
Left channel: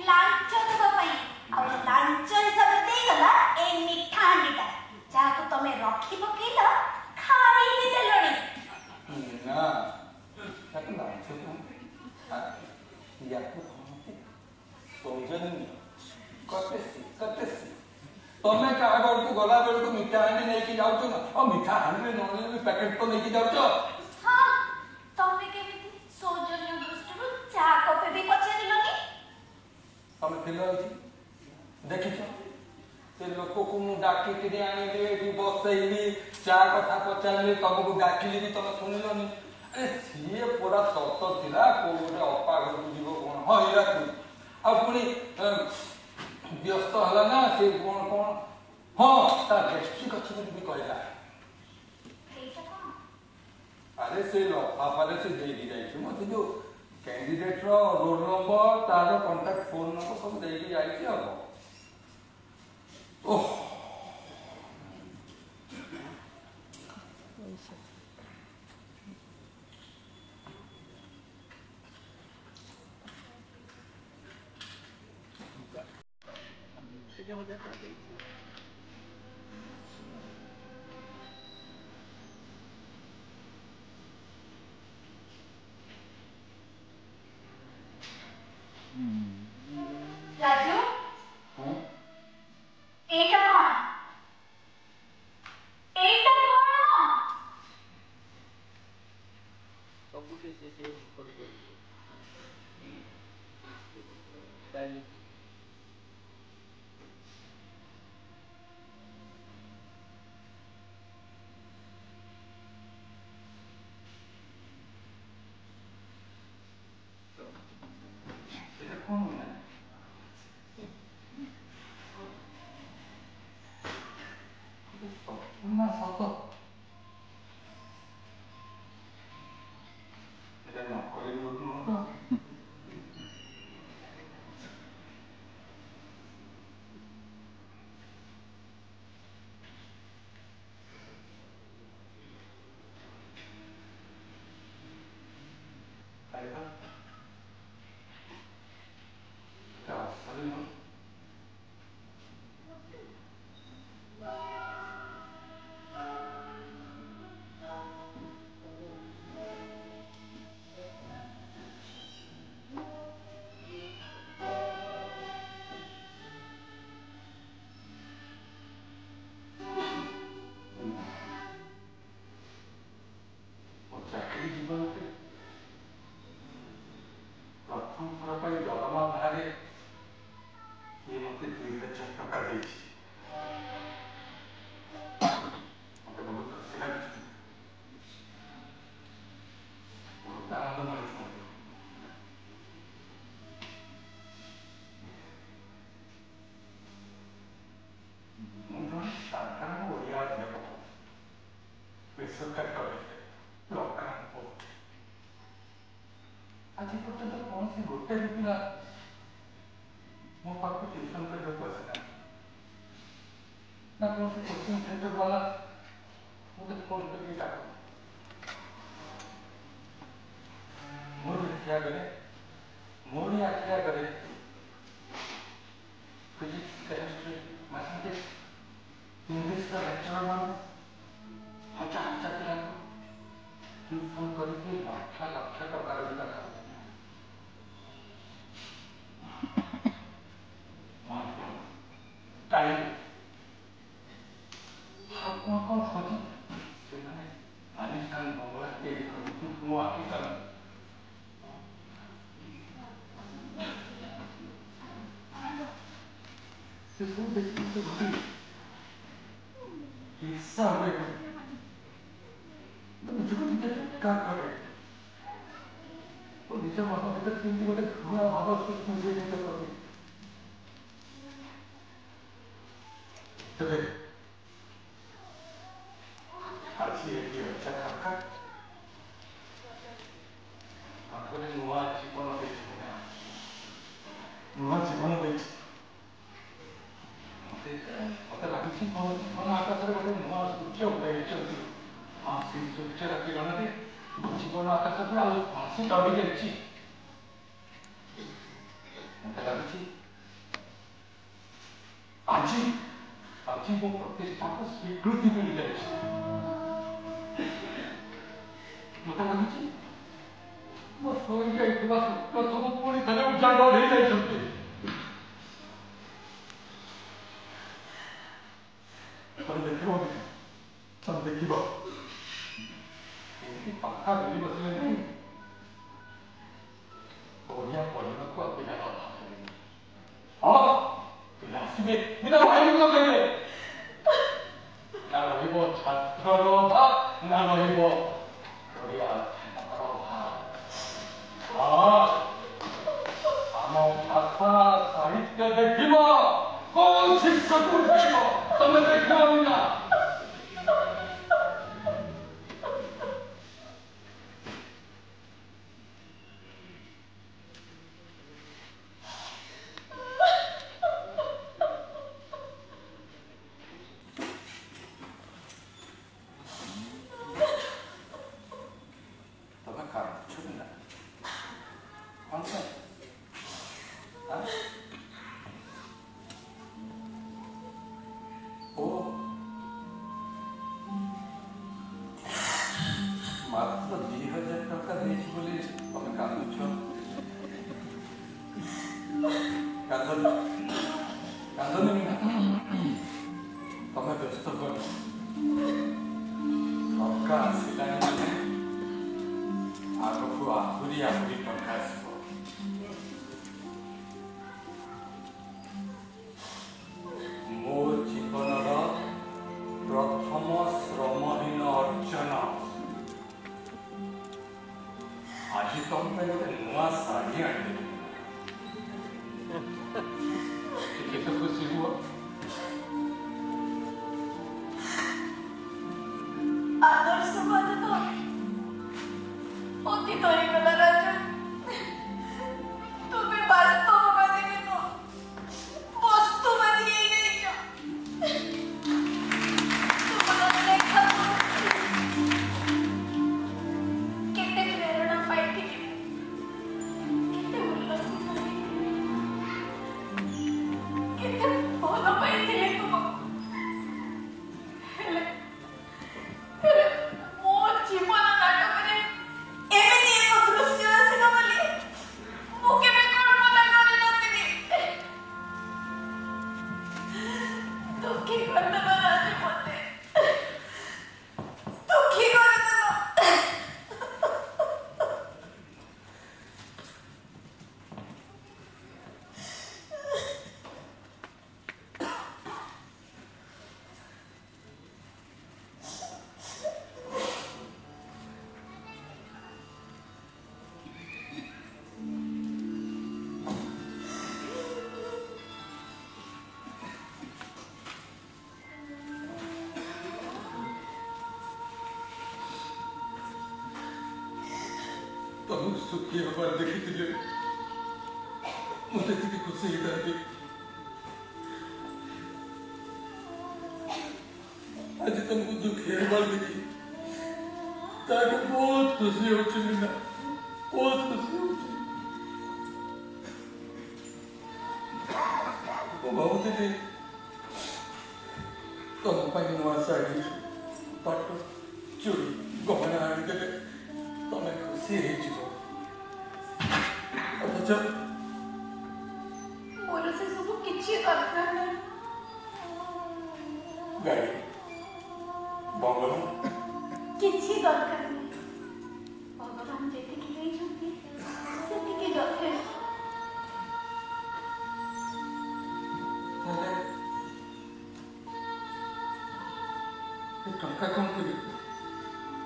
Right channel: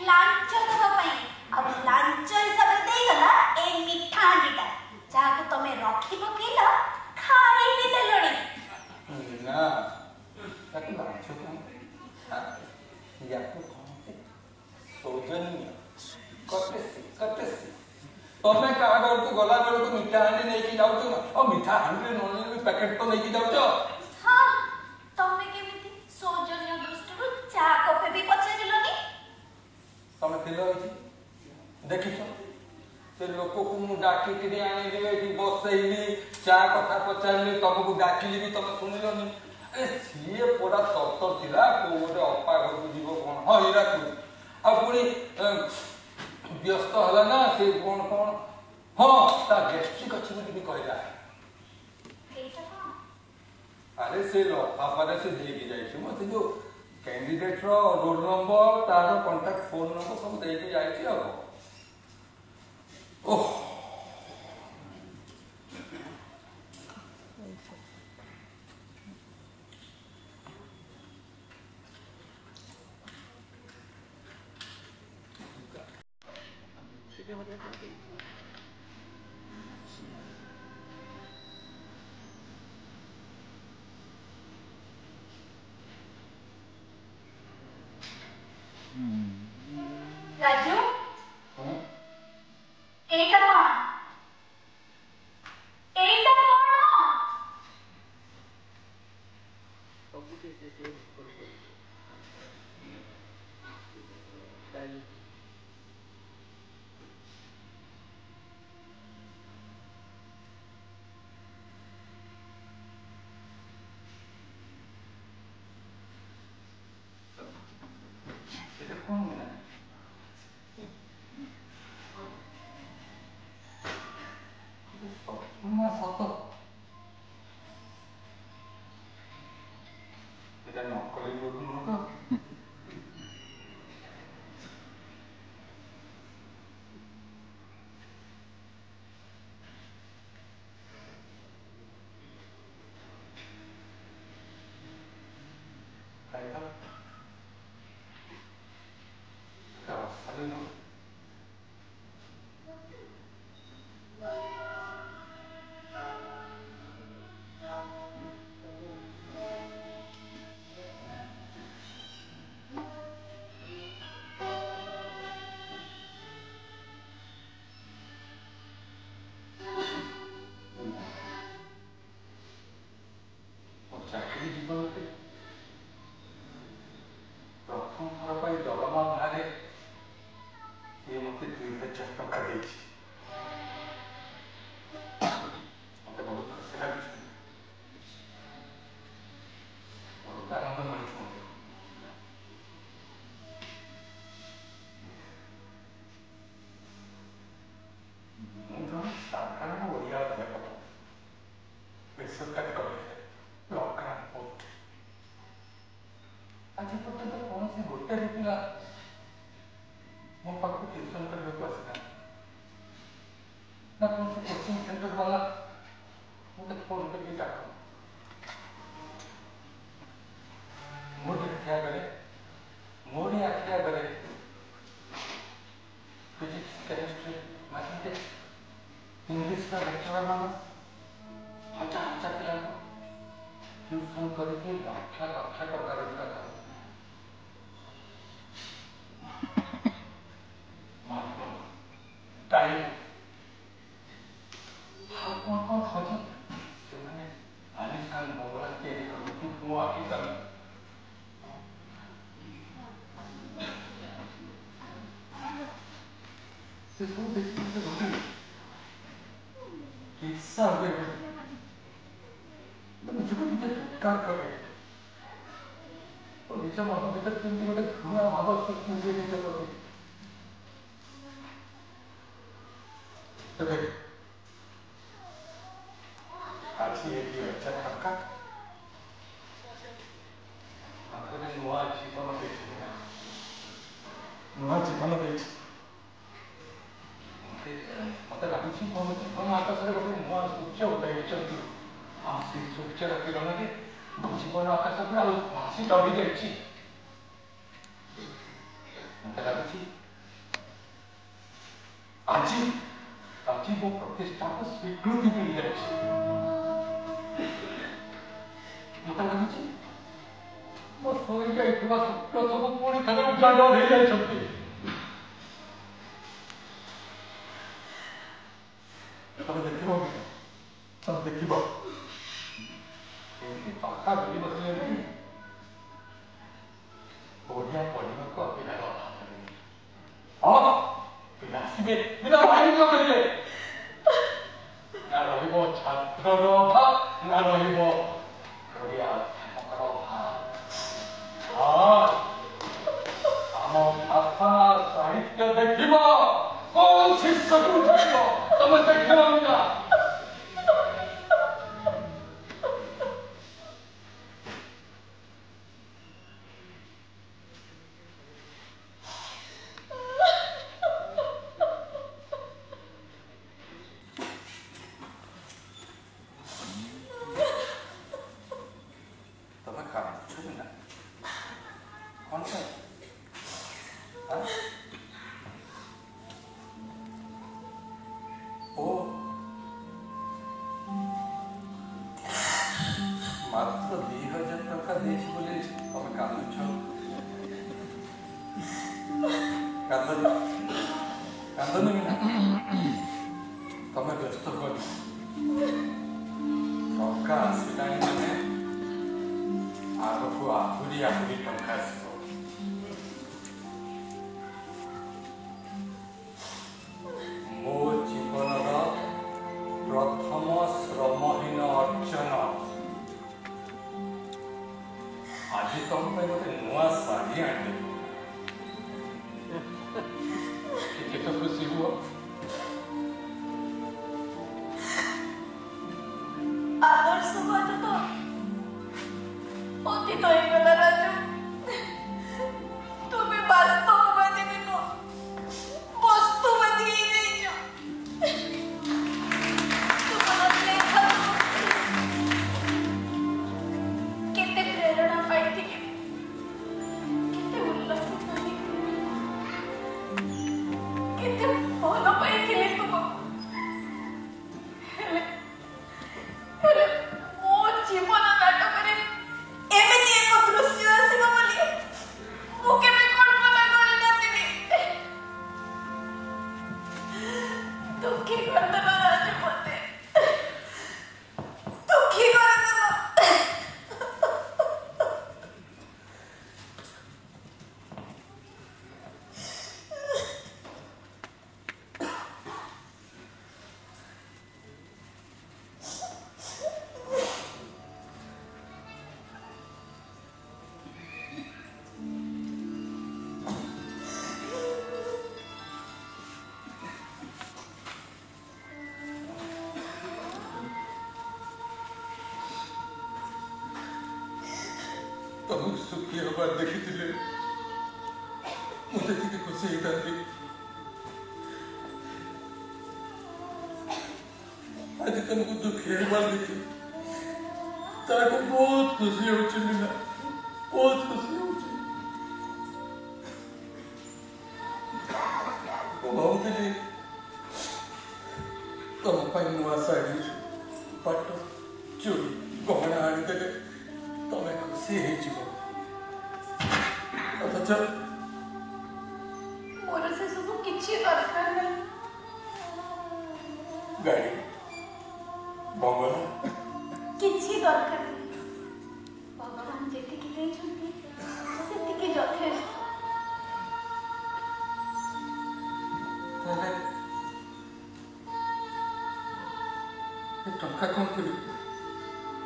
ଲାଞ୍ଚ ଦେବା ପାଇଁ ଆଉ ଲାଞ୍ଚ ହିସାବରେ ଦେଇଗଲା ଏଇ ମିଠା ହାଣ୍ଡିଟା ଯାହାକୁ ତମେ ରଖି ପକେଇଲ ଖାଇ ବି ଦେଲଣି। ନା ତାକୁ ଲାଞ୍ଚ କୁହନ୍ତି ୟାକୁ କହନ୍ତି ସୌଜନ୍ୟ କଟେସି। ତମେ କାହା ଘରକୁ ଗଲା ବେଳକୁ ମିଠା ହାଣ୍ଡି ନେଇକି ଯାଉଛ ନା ମିଠା ହାଣ୍ଡିରେ ନ ନେଲେ ପ୍ୟାକେଟ ତ ନେଇକି ଯାଉଛ। ହଁ ତମେ କେମିତି ସୌଜନ୍ୟ ଦୃଷ୍ଟିରୁ ଚା କପେ ବି ପଚାରିଲନି? ତମେ ଥିଲ ଏଠି ଦେଖିଛ ସେ ଲୋକକୁ ମୁଁ ଡାକିକିରି ଆଣିଲି ଏଠି ବସେଇଲି ଚା କଥା ପଚାରିଲି ତମକୁ ଡାକିଲି ବି ତମେ ଶୁଣିଲନି। ସିଏ ପୁରା ସତ ଥିଲା କୋଉ ଗୋଟେ ଅପା ଘରକୁ ଯିବ କଣ ହଁ ହୀରାକୁ ଆଉ ପୁଣି ବ୍ୟସ୍ତ ହେଲା ନା ସେ କଣ ହଁ ତା ଗେଷ୍ଟ୍ରିକ୍ ଅଛି ବୋଲି ବି କହିଲା। ଆରେ ସେ ଲଫାଫାରେ ସେ ଦେଇକି ଯାଇଛି ମତେ ଯୋଉ କ୍ୟାଣ୍ଡିଡେଟ ର ରୋଲ ନମ୍ବର ତାର କଣ୍ଟାକ୍ଟ ଫୋନ ନମ୍ବର ସବୁ ଦେଇକି ଯାଇଛି ଆଉ ଓହ ରାଜୁ ଏଇଟା କଣ? से कोचिंग सेंटर वाला मुझे फोन करके डाका मुझे क्या करे मोड़ी आप क्या करे फिजिक्स केमिस्ट्री मैथमेटिक्स इंग्लिश का लेक्चरर बना अच्छा अच्छा क्लास ट्यूशन करके लाख टका रोजगार करते टाइम कौन सोची मैंने आलिशान बंगला के हुआ की तरह से तो देखने से होती हिस्सा हुए मुझे क्या करे तो नीचे वहां भीतर 3 दिन तक धुआं हवा से मुझे नहीं लगा तो आज ये अच्छा खाका आपने नुआ जीवन देख मत लाଗୁଛି जीवन आकाशରେ ଗୋଟେ ନୂଆ ସୂର୍ଯ୍ୟ ଉଦୟିଛନ୍ତି ସେଇ ସୂର୍ଯ୍ୟର କିରଣରେ ଜୀବନ ଆକାଶକୁ ଆଉ ଭାସି ଚଢ଼ି ଯାଇଛି ମତେ ଲାଗୁଛି ଆଜି ମୋ ପ୍ରତିଷ୍ଠାକୁ ସ୍ୱୀକୃତି ମିଳିଯାଇଛି ମତେ ଲାଗୁଛି ମୋ ଶୋଇ ଯାଇଥିବା ସ୍ୱପ୍ନ ସବୁ ପୁଣି ଥରେ ଉଜାଗର ହେଇଯାଇଛନ୍ତି ତମେ ଦେଖିବ ଏମିତି ଟଙ୍କା ଧରି ବସିଲେ ନାହିଁ ଓଡ଼ିଆ ପଢ଼ିବାକୁ ଆଉ ପିଲା ପିଲା ଆସିବେ ପିଲା ବାହାରିବ କହିଲେ ନା ରହିବ ଛାତ୍ରର ଅଭାବ ନା ରହିବ ଓଡ଼ିଆ ଅଧ୍ୟାପକର ଅଭାବ ଆମ ଭାଷା ସାହିତ୍ୟ ଦେଖିବ କୋଉ ଶିକ୍ଷକ ଦେଖିବ ତମେ ଦେଖିବ ନା सुखी हबार देखी मुझे खुशी होता आज तुमको दुखी बांधी ताकि बहुत खुशी होची मीना बहुत खुशी होची वो बहुत ही तुम पर नुआ साड़ी पट चूड़ी गहना आनी देले तुम्हें खुशी ही जीवो अच्छा मोर से सब किछि दरकार नहीं गाड़ी बंगला किछि दरकार नहीं भगवान जेतिकी देइछन्ती सेतिकी यथेष्ट ये टंका कौन करी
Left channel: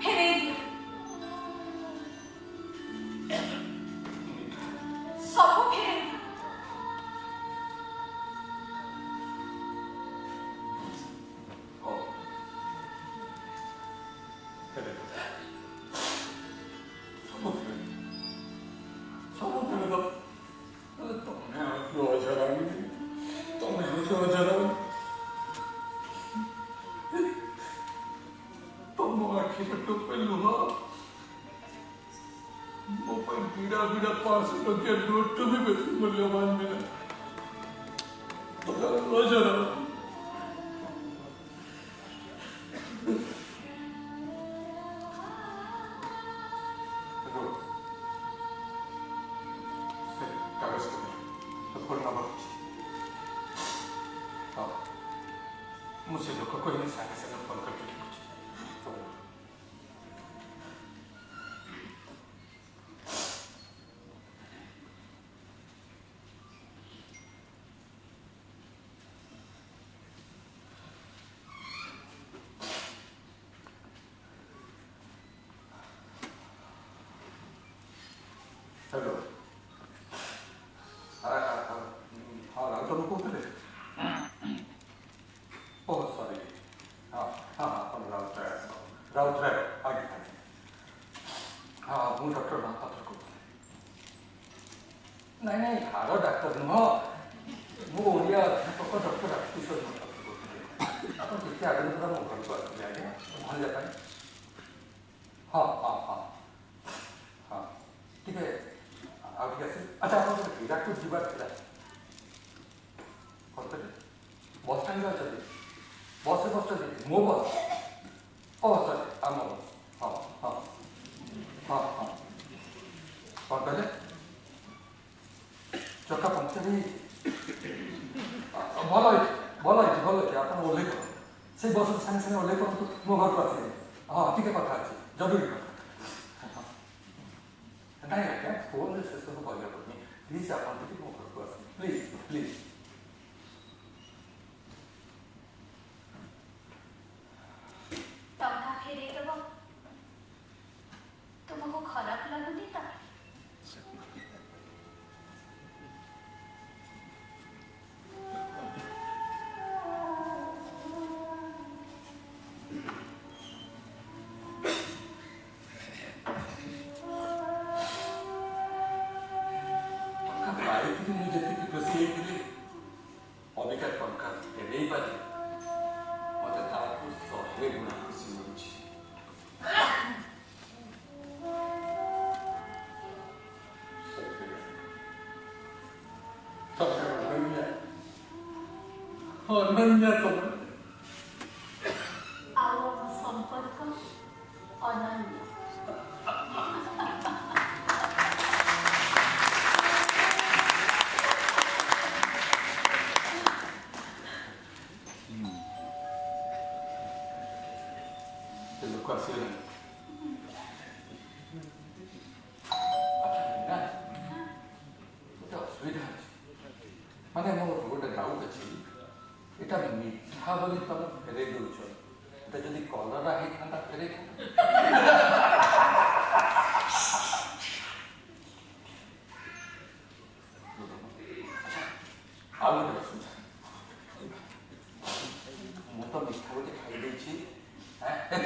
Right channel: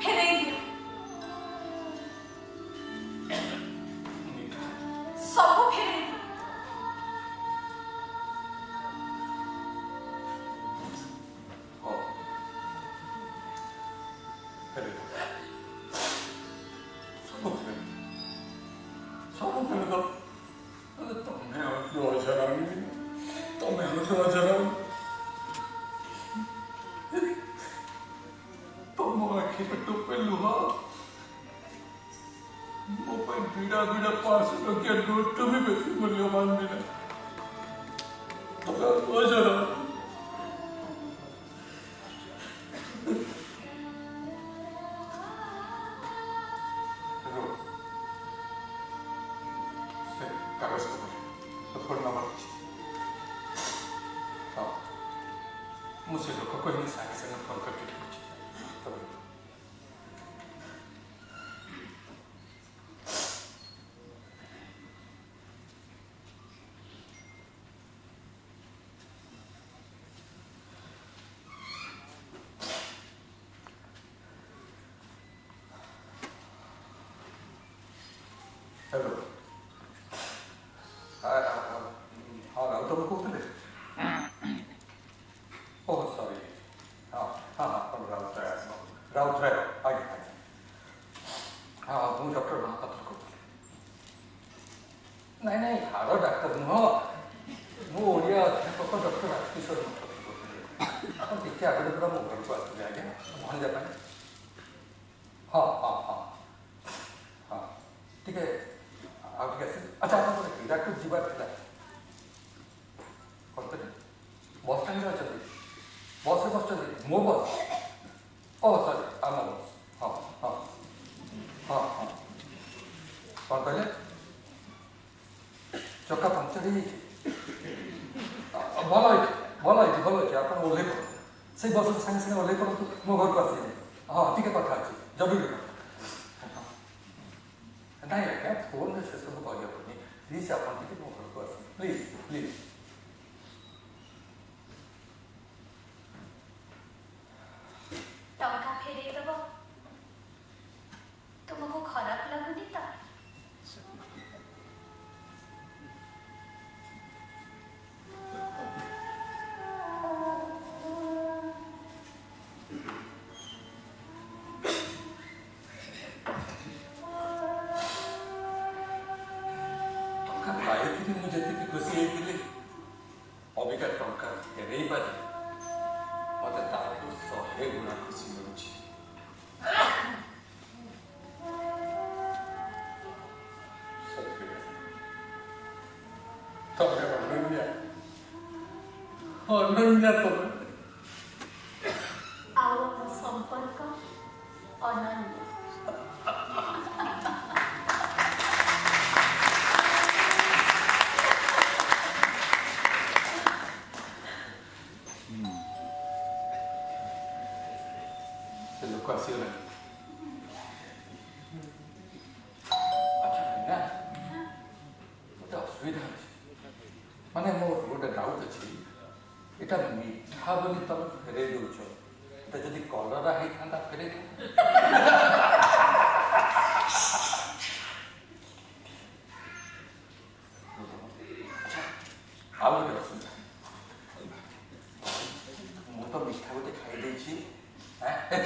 फेरे दियो सब फेरे दियो मुझे लोगों को इन सारी से फोन करके पूछे हेलो हाँ राउत को बोले ओह सॉरी हाँ हाँ हाँ राउत है आगे हाँ मुझे डॉक्टर महापात्र को नहीं नहीं हारो डाक्टर नुह मु ओडिया अध्यापक डॉक्टर राजकिशोर आप देखिए आगे मैं घर को आते आगे भल जाए हाँ हाँ हाँ हाँ ठीक है आप ठीक है अच्छा आप हिराकुद जीवार थिला करते बस स्टैंड अच्छा बस रे बस मो बस ओ सॉरी आम बस हाँ हाँ हाँ हाँ कौन कहले चक्का पंक्चर भल है आप ओह्ल से बस सागे सागे ओह्ल पड़ू मो घर को आस हाँ टी कथा अच्छे जरूरी नहीं आज्ञा फोन से सब कहना पड़े प्लीज आप मो घर को आस प्लीज प्लीज टंका फेरे दबो तुमको खराब लगुनी तो मुझे खुशी होती अबिका टंका फेरे पारे मत ताकू 100 गुणा खुशी मिलुची अनन्या तुम आओ संपर्क अनन्य लोग आसिगला अच्छा ना गोटे असुविधा अच्छे माने मोर गोटे डाउट अच्छी এটা মিঠা বলি তুমি ফেরে দেউছ এটা যদি কলরা হইতান্তা ফেরে ଆଉ ଗୋଟେ ଅସୁବିଧା ମୁଁ ତ ମିଠା ଗୋଟେ ଖାଇ ଦେଇଛି ଏ